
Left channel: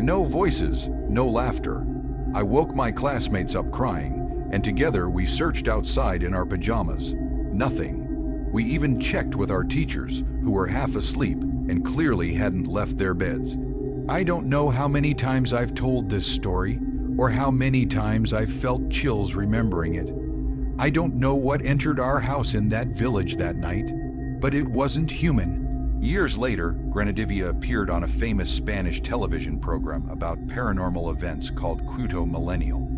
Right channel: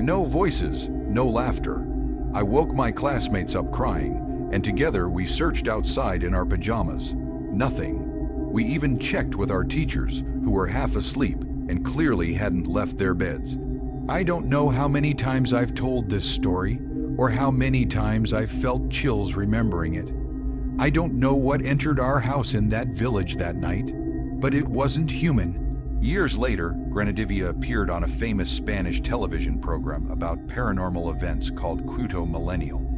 No voices, no laughter. I woke my classmates up crying, and together we searched outside in our pajamas. Nothing. We even checked with our teachers, who were half asleep and clearly hadn't left their beds. I don't know how many times I've told this story, or how many times I've felt chills remembering it. I don't know what entered our house in that village that night, but it wasn't human. Years later, Grenadivia appeared on a famous Spanish television program about paranormal events called Cuto Millennial.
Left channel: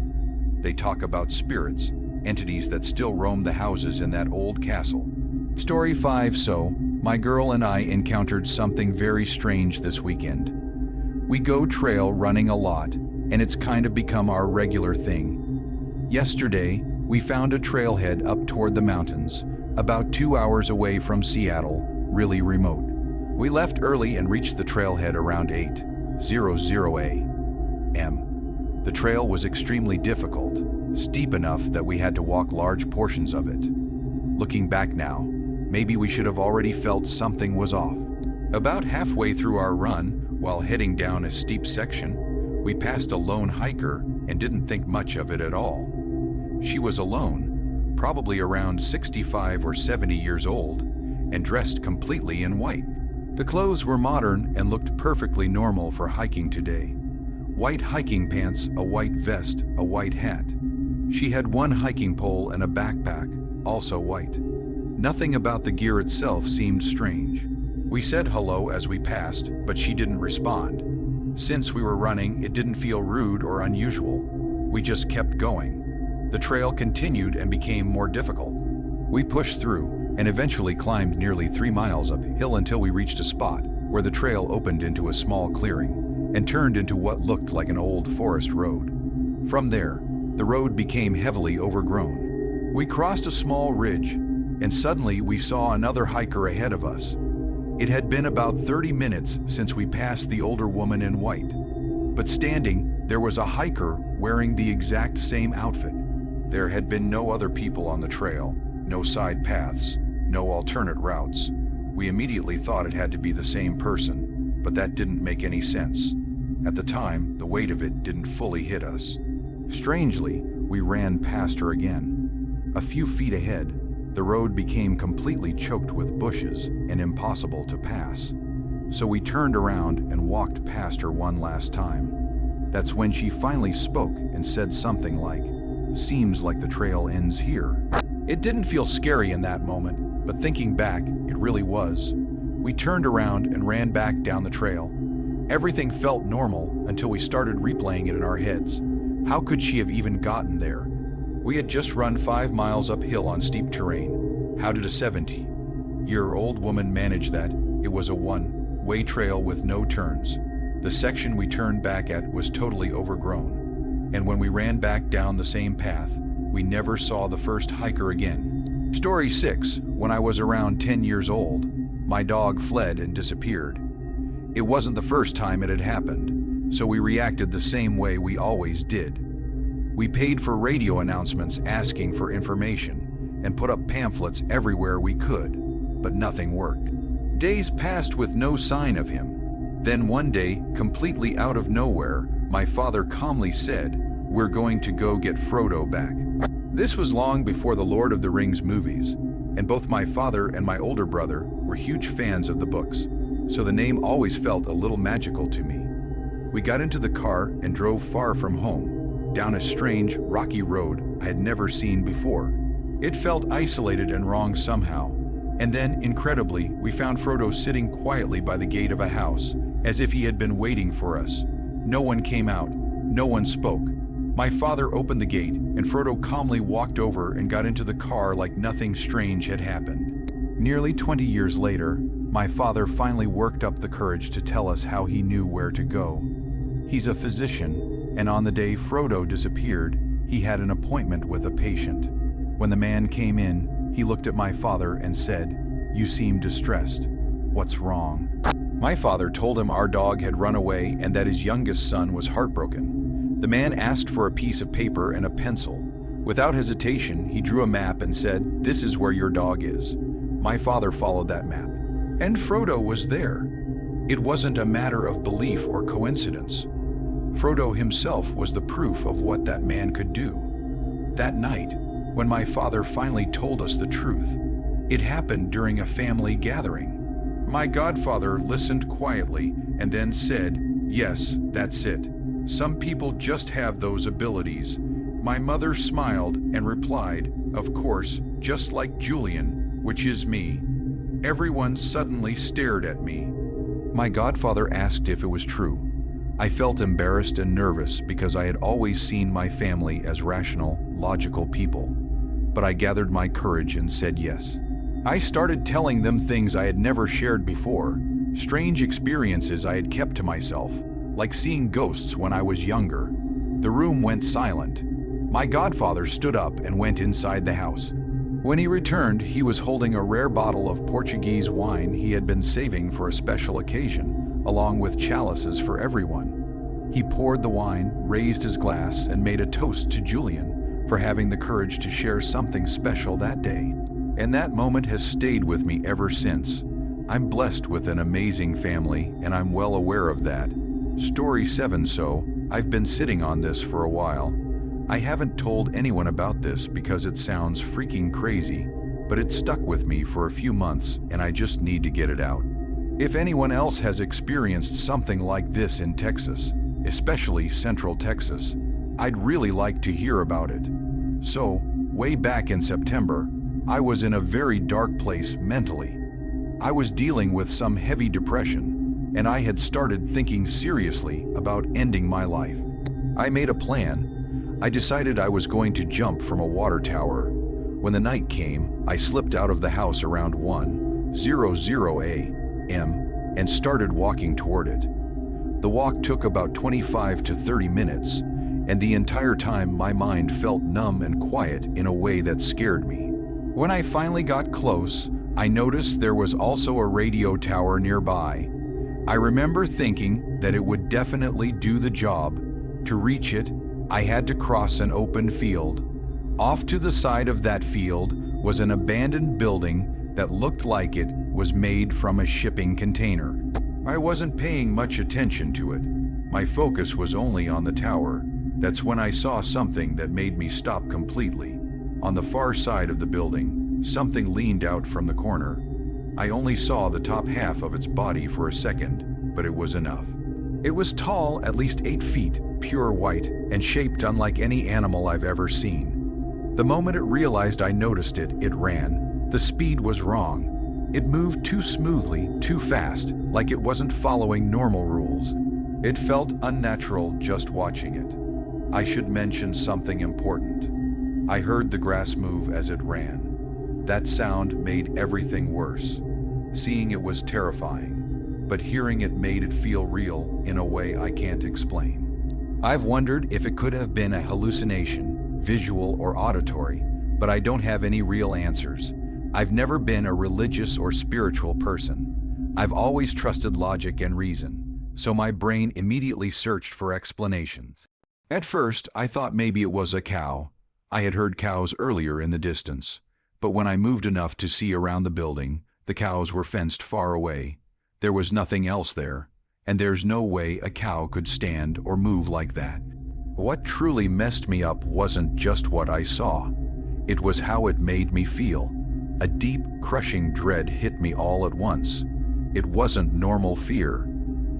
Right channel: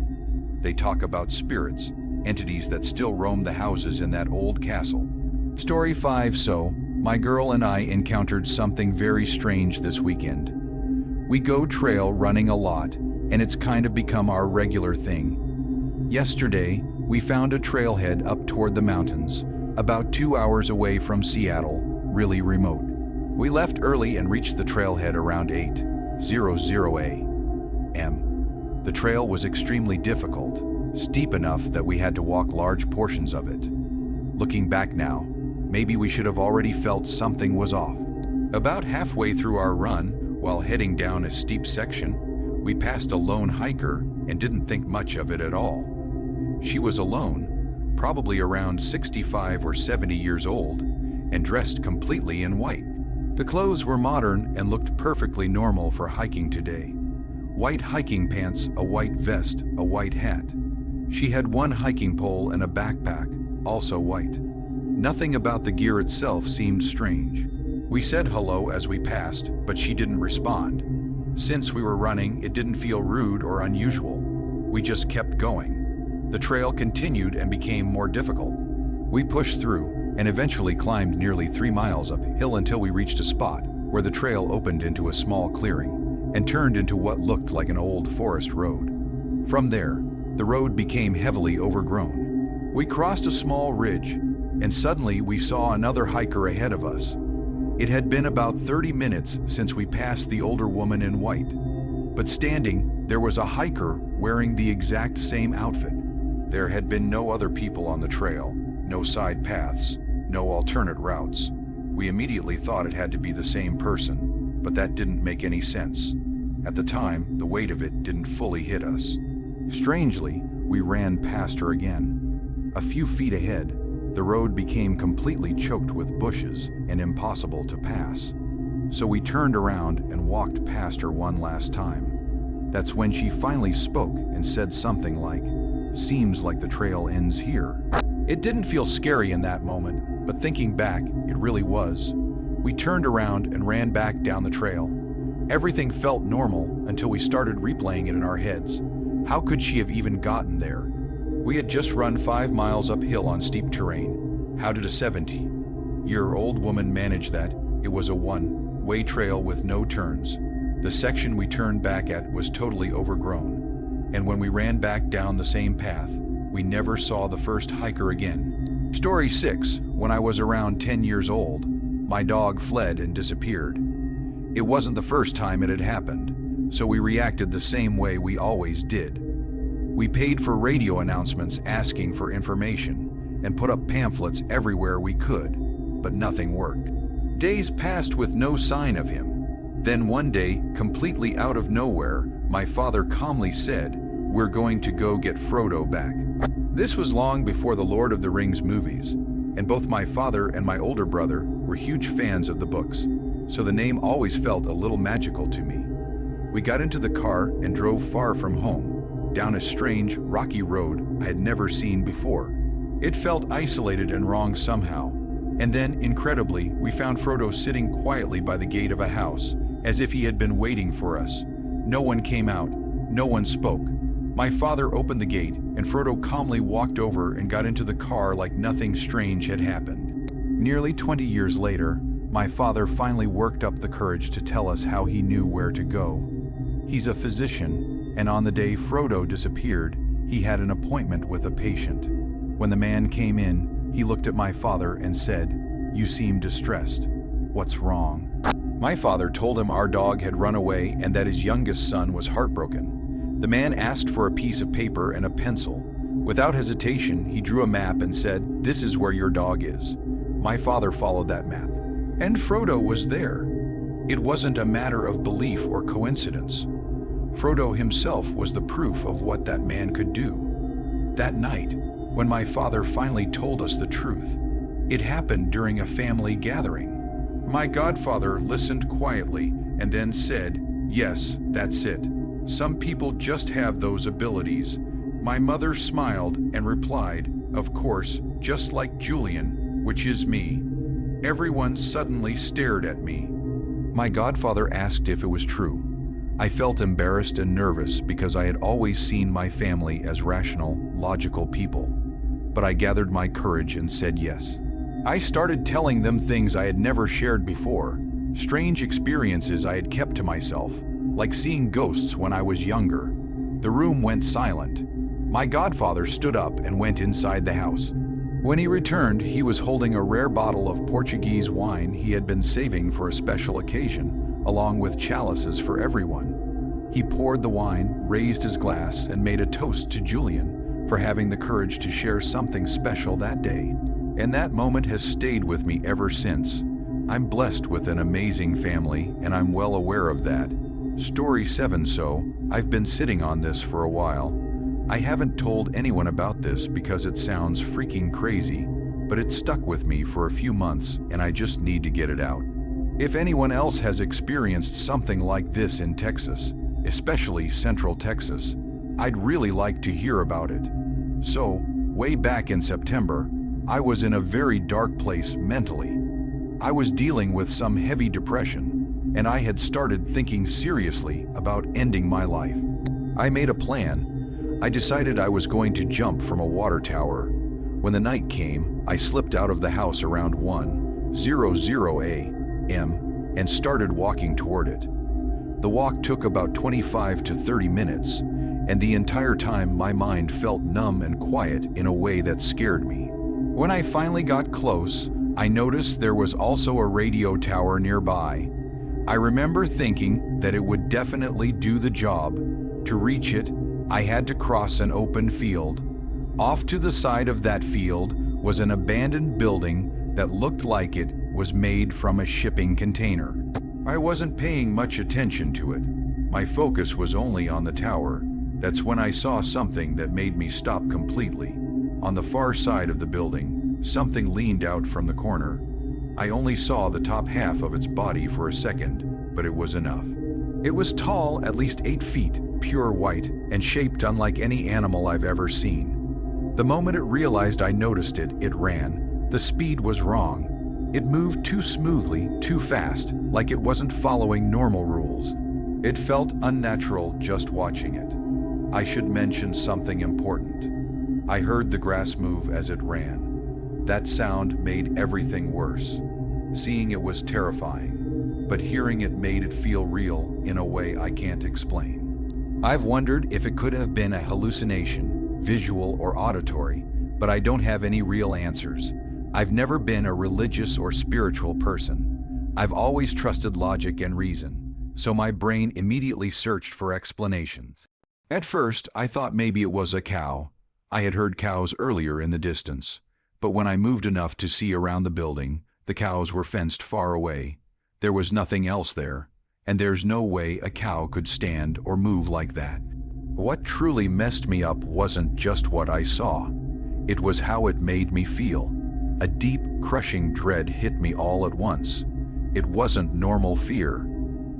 They talk about spirits, entities that still roam the houses in that old castle. Story 5. So, my girl and I encountered something very strange this weekend. We go trail running a lot, and it's kind of become our regular thing. Yesterday, we found a trailhead up toward the mountains, about 2 hours away from Seattle, really remote. We left early and reached the trailhead around 8:00 a.m. The trail was extremely difficult, steep enough that we had to walk large portions of it. Looking back now, maybe we should have already felt something was off. About halfway through our run, while heading down a steep section, we passed a lone hiker and didn't think much of it at all. She was alone, probably around 65 or 70 years old, and dressed completely in white. The clothes were modern and looked perfectly normal for hiking today. White hiking pants, a white vest, a white hat. She had one hiking pole and a backpack, also white. Nothing about the gear itself seemed strange. We said hello as we passed, but she didn't respond. Since we were running, it didn't feel rude or unusual. We just kept going. The trail continued and became more difficult. We pushed through and eventually climbed nearly 3 miles uphill until we reached a spot where the trail opened into a small clearing and turned into what looked like an old forest road. From there, the road became heavily overgrown. We crossed a small ridge, and suddenly we saw another hiker ahead of us. It had been about 30 minutes since we passed the older woman in white, but standing, there was a hiker wearing the exact same outfit. There had been no other people on the trail, no side paths, no alternate routes. We immediately thought it had to be the same person, but that didn't make any sense. At the time, the weight of it didn't fully hit us. Strangely, we ran past her again. A few feet ahead, the road became completely choked with bushes and impossible to pass. So we turned around and walked past her one last time. That's when she finally spoke and said something like, "Seems like the trail ends here." It didn't feel scary in that moment, but thinking back, it really was. We turned around and ran back down the trail. Everything felt normal until we started replaying it in our heads. How could she have even gotten there? We had just run 5 miles uphill on steep terrain. How did a 70-year-old woman manage that? It was a one-way trail with no turns. The section we turned back at was totally overgrown, and when we ran back down the same path, we never saw the first hiker again. Story 6. When I was around 10 years old, my dog fled and disappeared. It wasn't the first time it had happened, so we reacted the same way we always did. We paid for radio announcements asking for information and put up pamphlets everywhere we could, but nothing worked. Days passed with no sign of him. Then one day, completely out of nowhere, my father calmly said, "We're going to go get Frodo back." This was long before the Lord of the Rings movies, and both my father and my older brother were huge fans of the books, so the name always felt a little magical to me. We got into the car and drove far from home, down a strange, rocky road I had never seen before. It felt isolated and wrong somehow. And then, incredibly, we found Frodo sitting quietly by the gate of a house, as if he had been waiting for us. No one came out, no one spoke. My father opened the gate, and Frodo calmly walked over and got into the car like nothing strange had happened. Nearly 20 years later, my father finally worked up the courage to tell us how he knew where to go. He's a physician, and on the day Frodo disappeared, he had an appointment with a patient. When the man came in, he looked at my father and said, "You seem distressed. What's wrong?" My father told him our dog had run away and that his youngest son was heartbroken. The man asked for a piece of paper and a pencil. Without hesitation, he drew a map and said, "This is where your dog is." My father followed that map, and Frodo was there. It wasn't a matter of belief or coincidence. Frodo himself was the proof of what that man could do. That night, when my father finally told us the truth, it happened during a family gathering. My godfather listened quietly and then said, "Yes, that's it. Some people just have those abilities." My mother smiled and replied, "Of course, just like Julian, which is me." Everyone suddenly stared at me. My godfather asked if it was true. I felt embarrassed and nervous because I had always seen my family as rational, logical people. But I gathered my courage and said yes. I started telling them things I had never shared before, strange experiences I had kept to myself, like seeing ghosts when I was younger. The room went silent. My godfather stood up and went inside the house. When he returned, he was holding a rare bottle of Portuguese wine he had been saving for a special occasion, along with chalices for everyone. He poured the wine, raised his glass, and made a toast to Julian for having the courage to share something special that day. And that moment has stayed with me ever since. I'm blessed with an amazing family, and I'm well aware of that. Story 7. So, I've been sitting on this for a while. I haven't told anyone about this because it sounds freaking crazy, but it stuck with me for a few months and I just need to get it out. If anyone else has experienced something like this in Texas, especially Central Texas, I'd really like to hear about it. So, way back in September, I was in a very dark place mentally. I was dealing with some heavy depression, and I had started thinking seriously about ending my life. I made a plan. I decided I was going to jump from a water tower. When the night came, I slipped out of the house around 1:00 a.m. and started walking toward it. The walk took about 25 to 30 minutes, and the entire time my mind felt numb and quiet in a way that scared me. When I finally got close, I noticed there was also a radio tower nearby. I remember thinking that it would definitely do the job. To reach it, I had to cross an open field. Off to the side of that field was an abandoned building that looked like it was made from a shipping container. I wasn't paying much attention to it. My focus was only on the tower. That's when I saw something that made me stop completely. On the far side of the building, something leaned out from the corner. I only saw the top half of its body for a second, but it was enough. It was tall, at least 8 feet, pure white, and shaped unlike any animal I've ever seen. The moment it realized I noticed it, it ran. The speed was wrong. It moved too smoothly, too fast, like it wasn't following normal rules. It felt unnatural just watching it. I should mention something important. I heard the grass move as it ran. That sound made everything worse. Seeing it was terrifying, but hearing it made it feel real in a way I can't explain. I've wondered if it could have been a hallucination, visual or auditory, but I don't have any real answers. I've never been a religious or spiritual person. I've always trusted logic and reason, so my brain immediately searched for explanations. At first, I thought maybe it was a cow. I had heard cows earlier in the distance, but when I moved enough to see around the building, the cows were fenced far away. There was nothing else there, and there's no way a cow could stand or move like that. What truly messed me up wasn't just what I saw. It was how it made me feel. A deep, crushing dread hit me all at once. It wasn't normal fear.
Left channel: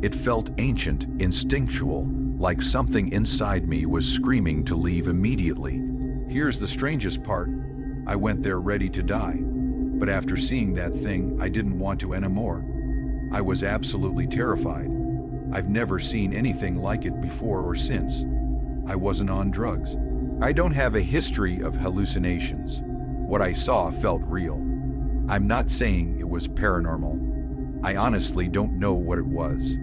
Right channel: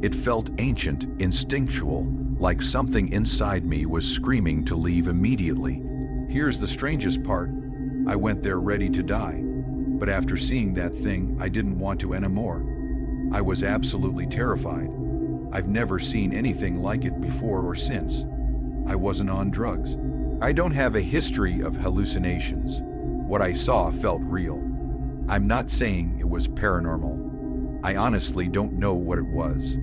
It felt ancient, instinctual, like something inside me was screaming to leave immediately. Here's the strangest part. I went there ready to die. But after seeing that thing, I didn't want to anymore. I was absolutely terrified. I've never seen anything like it before or since. I wasn't on drugs. I don't have a history of hallucinations. What I saw felt real. I'm not saying it was paranormal. I honestly don't know what it was.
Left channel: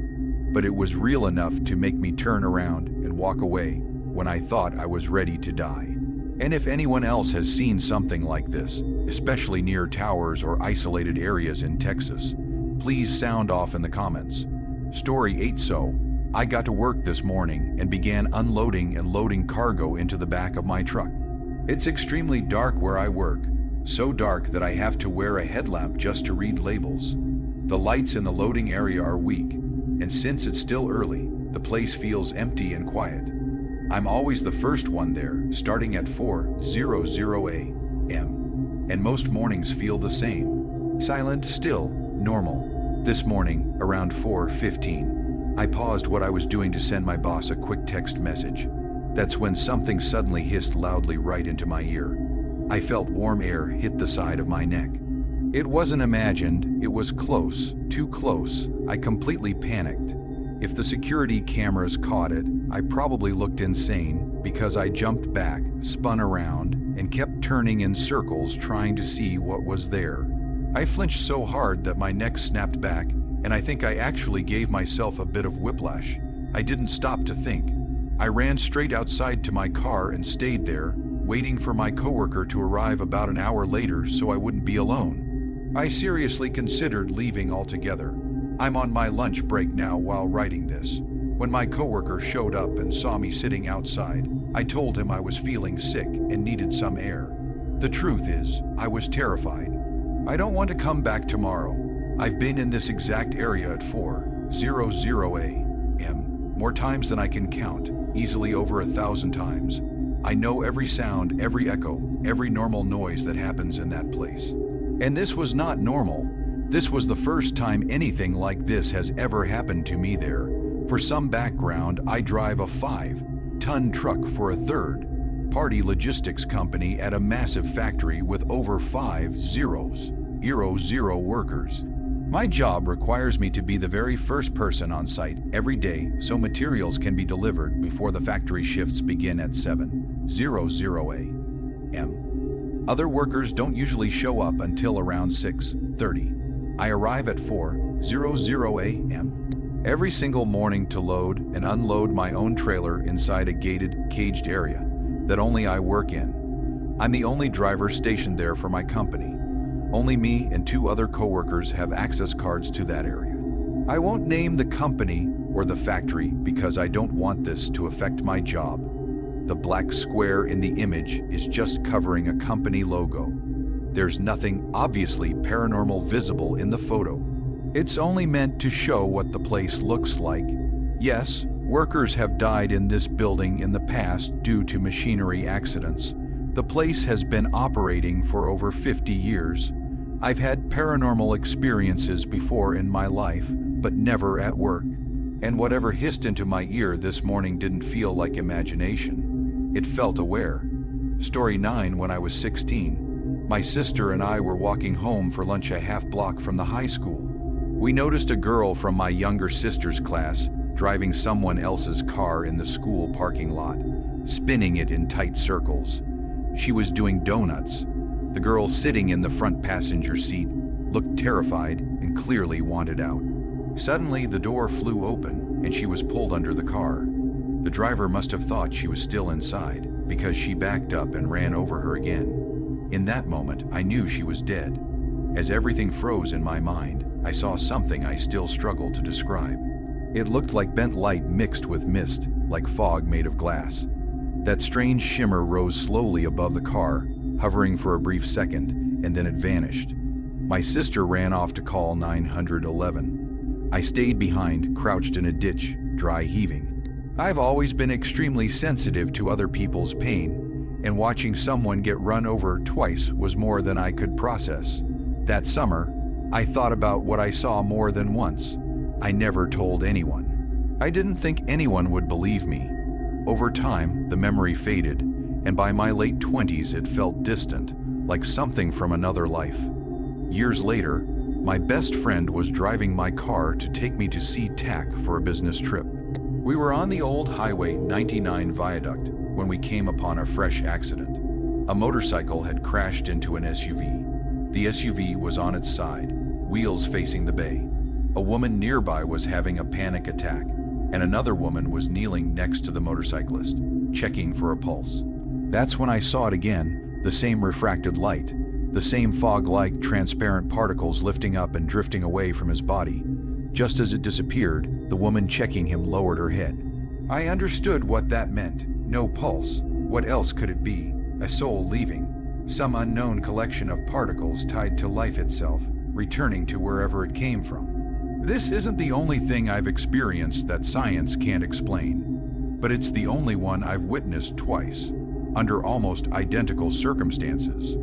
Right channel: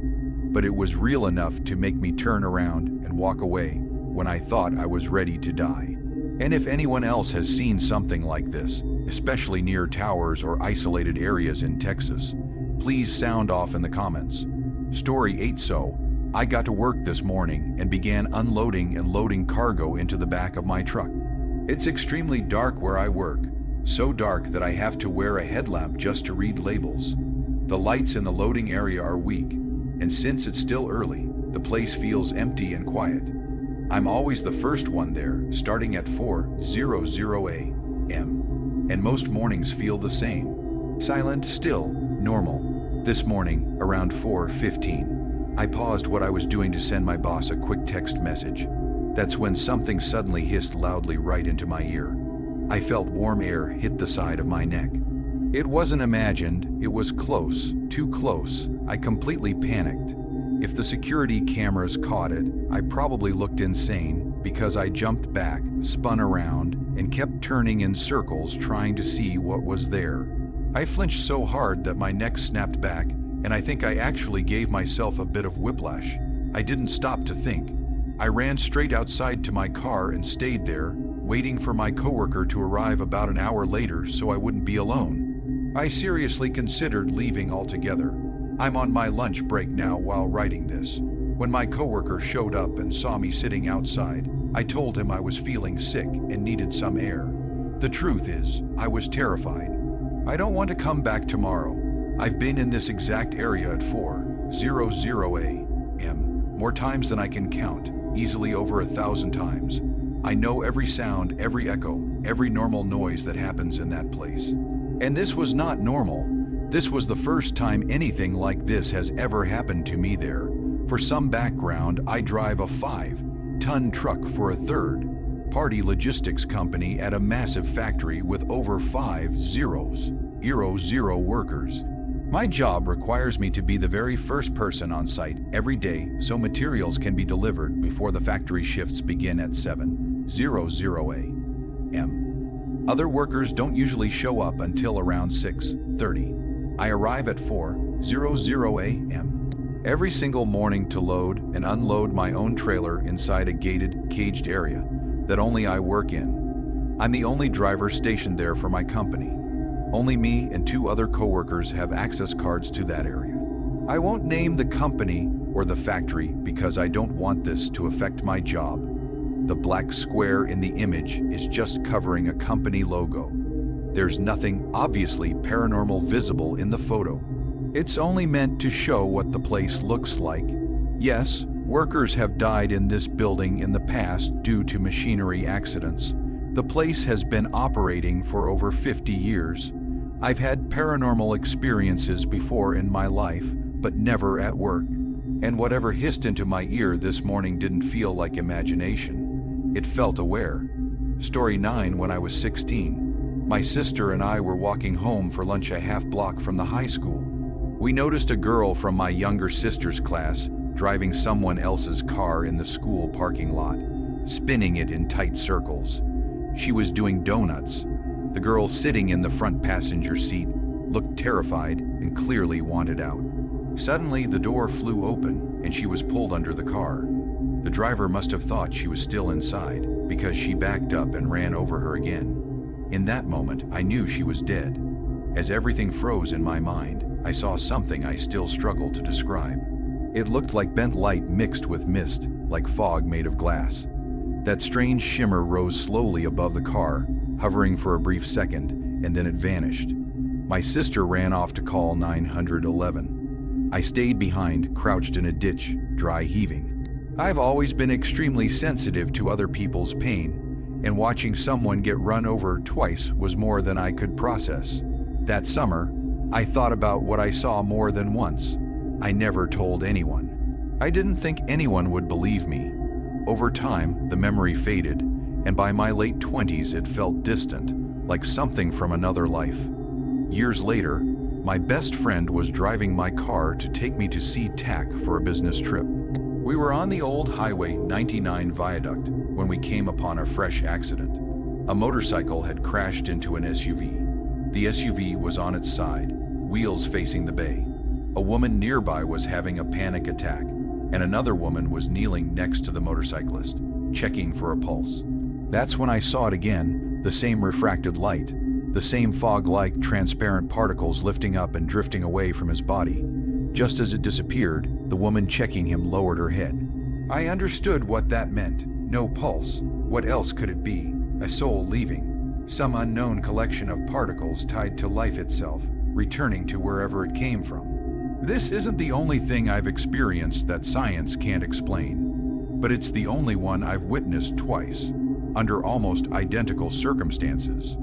But it was real enough to make me turn around and walk away when I thought I was ready to die. And if anyone else has seen something like this, especially near towers or isolated areas in Texas, please sound off in the comments. Story 8. So, I got to work this morning and began unloading and loading cargo into the back of my truck. It's extremely dark where I work, so dark that I have to wear a headlamp just to read labels. The lights in the loading area are weak, and since it's still early, the place feels empty and quiet. I'm always the first one there, starting at 4:00 a.m., and most mornings feel the same. Silent, still, normal. This morning, around 4:15, I paused what I was doing to send my boss a quick text message. That's when something suddenly hissed loudly right into my ear. I felt warm air hit the side of my neck. It wasn't imagined, it was close, too close. I completely panicked. If the security cameras caught it, I probably looked insane because I jumped back, spun around, and kept turning in circles trying to see what was there. I flinched so hard that my neck snapped back, and I think I actually gave myself a bit of whiplash. I didn't stop to think. I ran straight outside to my car and stayed there, waiting for my coworker to arrive about an hour later so I wouldn't be alone. I seriously considered leaving altogether. I'm on my lunch break now while writing this. When my coworker showed up and saw me sitting outside, I told him I was feeling sick and needed some air. The truth is, I was terrified. I don't want to come back tomorrow. I've been in this exact area at 4:00 a.m. more times than I can count, easily over 1,000 times. I know every sound, every echo, every normal noise that happens in that place. And this was not normal. This was the first time anything like this has ever happened to me there. For some background, I drive a 5-ton truck for a third-party logistics company at a massive factory with over 500 workers. My job requires me to be the very first person on site every day so materials can be delivered before the factory shifts begin at 7:00 a.m. Other workers don't usually show up until around 6:30. I arrive at 4:00 a.m. every single morning to load and unload my own trailer inside a gated, caged area that only I work in. I'm the only driver stationed there for my company. Only me and 2 other coworkers have access cards to that area. I won't name the company or the factory because I don't want this to affect my job. The black square in the image is just covering a company logo. There's nothing obviously paranormal visible in the photo. It's only meant to show what the place looks like. Yes, workers have died in this building in the past due to machinery accidents. The place has been operating for over 50 years. I've had paranormal experiences before in my life, but never at work. And whatever hissed into my ear this morning didn't feel like imagination. It felt aware. Story 9. When I was 16, my sister and I were walking home for lunch a half block from the high school. We noticed a girl from my younger sister's class driving someone else's car in the school parking lot, spinning it in tight circles. She was doing donuts. The girl sitting in the front passenger seat looked terrified and clearly wanted out. Suddenly, the door flew open and she was pulled under the car. The driver must have thought she was still inside because she backed up and ran over her again. In that moment, I knew she was dead. As everything froze in my mind, I saw something I still struggle to describe. It looked like bent light mixed with mist, like fog made of glass. That strange shimmer rose slowly above the car, hovering for a brief second, and then it vanished. My sister ran off to call 911. I stayed behind, crouched in a ditch, dry heaving. I've always been extremely sensitive to other people's pain, and watching someone get run over twice was more than I could process. That summer, I thought about what I saw more than once. I never told anyone. I didn't think anyone would believe me. Over time, the memory faded, and by my late 20s it felt distant, like something from another life. Years later, my best friend was driving my car to take me to see TAC for a business trip. We were on the old Highway 99 viaduct when we came upon a fresh accident. A motorcycle had crashed into an SUV. The SUV was on its side, wheels facing the bay. A woman nearby was having a panic attack, and another woman was kneeling next to the motorcyclist, checking for a pulse. That's when I saw it again, the same refracted light, the same fog-like transparent particles lifting up and drifting away from his body. Just as it disappeared, the woman checking him lowered her head. I understood what that meant. No pulse. What else could it be? A soul leaving. Some unknown collection of particles tied to life itself, returning to wherever it came from. This isn't the only thing I've experienced that science can't explain, but it's the only one I've witnessed twice, under almost identical circumstances.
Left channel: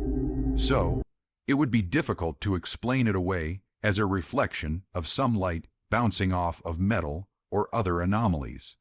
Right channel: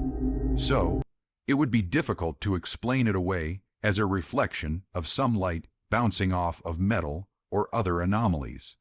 So, it would be difficult to explain it away as a reflection of some light bouncing off of metal or other anomalies.